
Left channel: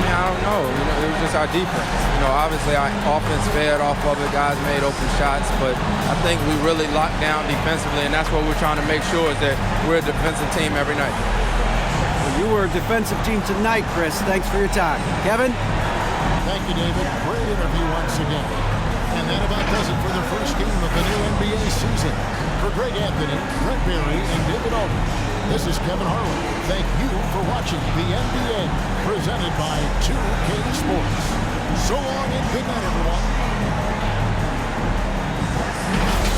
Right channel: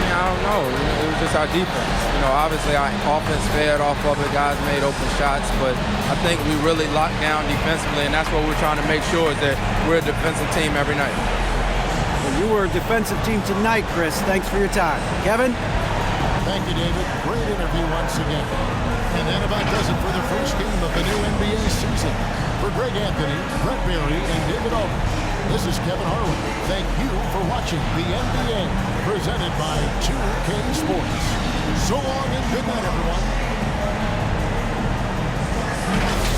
mean, I don't know. You know, it was just our defense. You know, obviously our offense fed off of it. Guys made open shots, but I think we really locked down defensively, and that's what we're trying to make sure is that we're a defensive team every night. Well, you were a defensive team tonight, Chris. Thanks for your time. Kevin? Thank you, David. Great interview once again. And that about does it for the first game of the new NBA season. For Greg Anthony, Brett Berry, and David Aldridge, this is Kevin Harlan. Thank you for watching the NBA, presented by 2K Sports. So long and good night, everyone.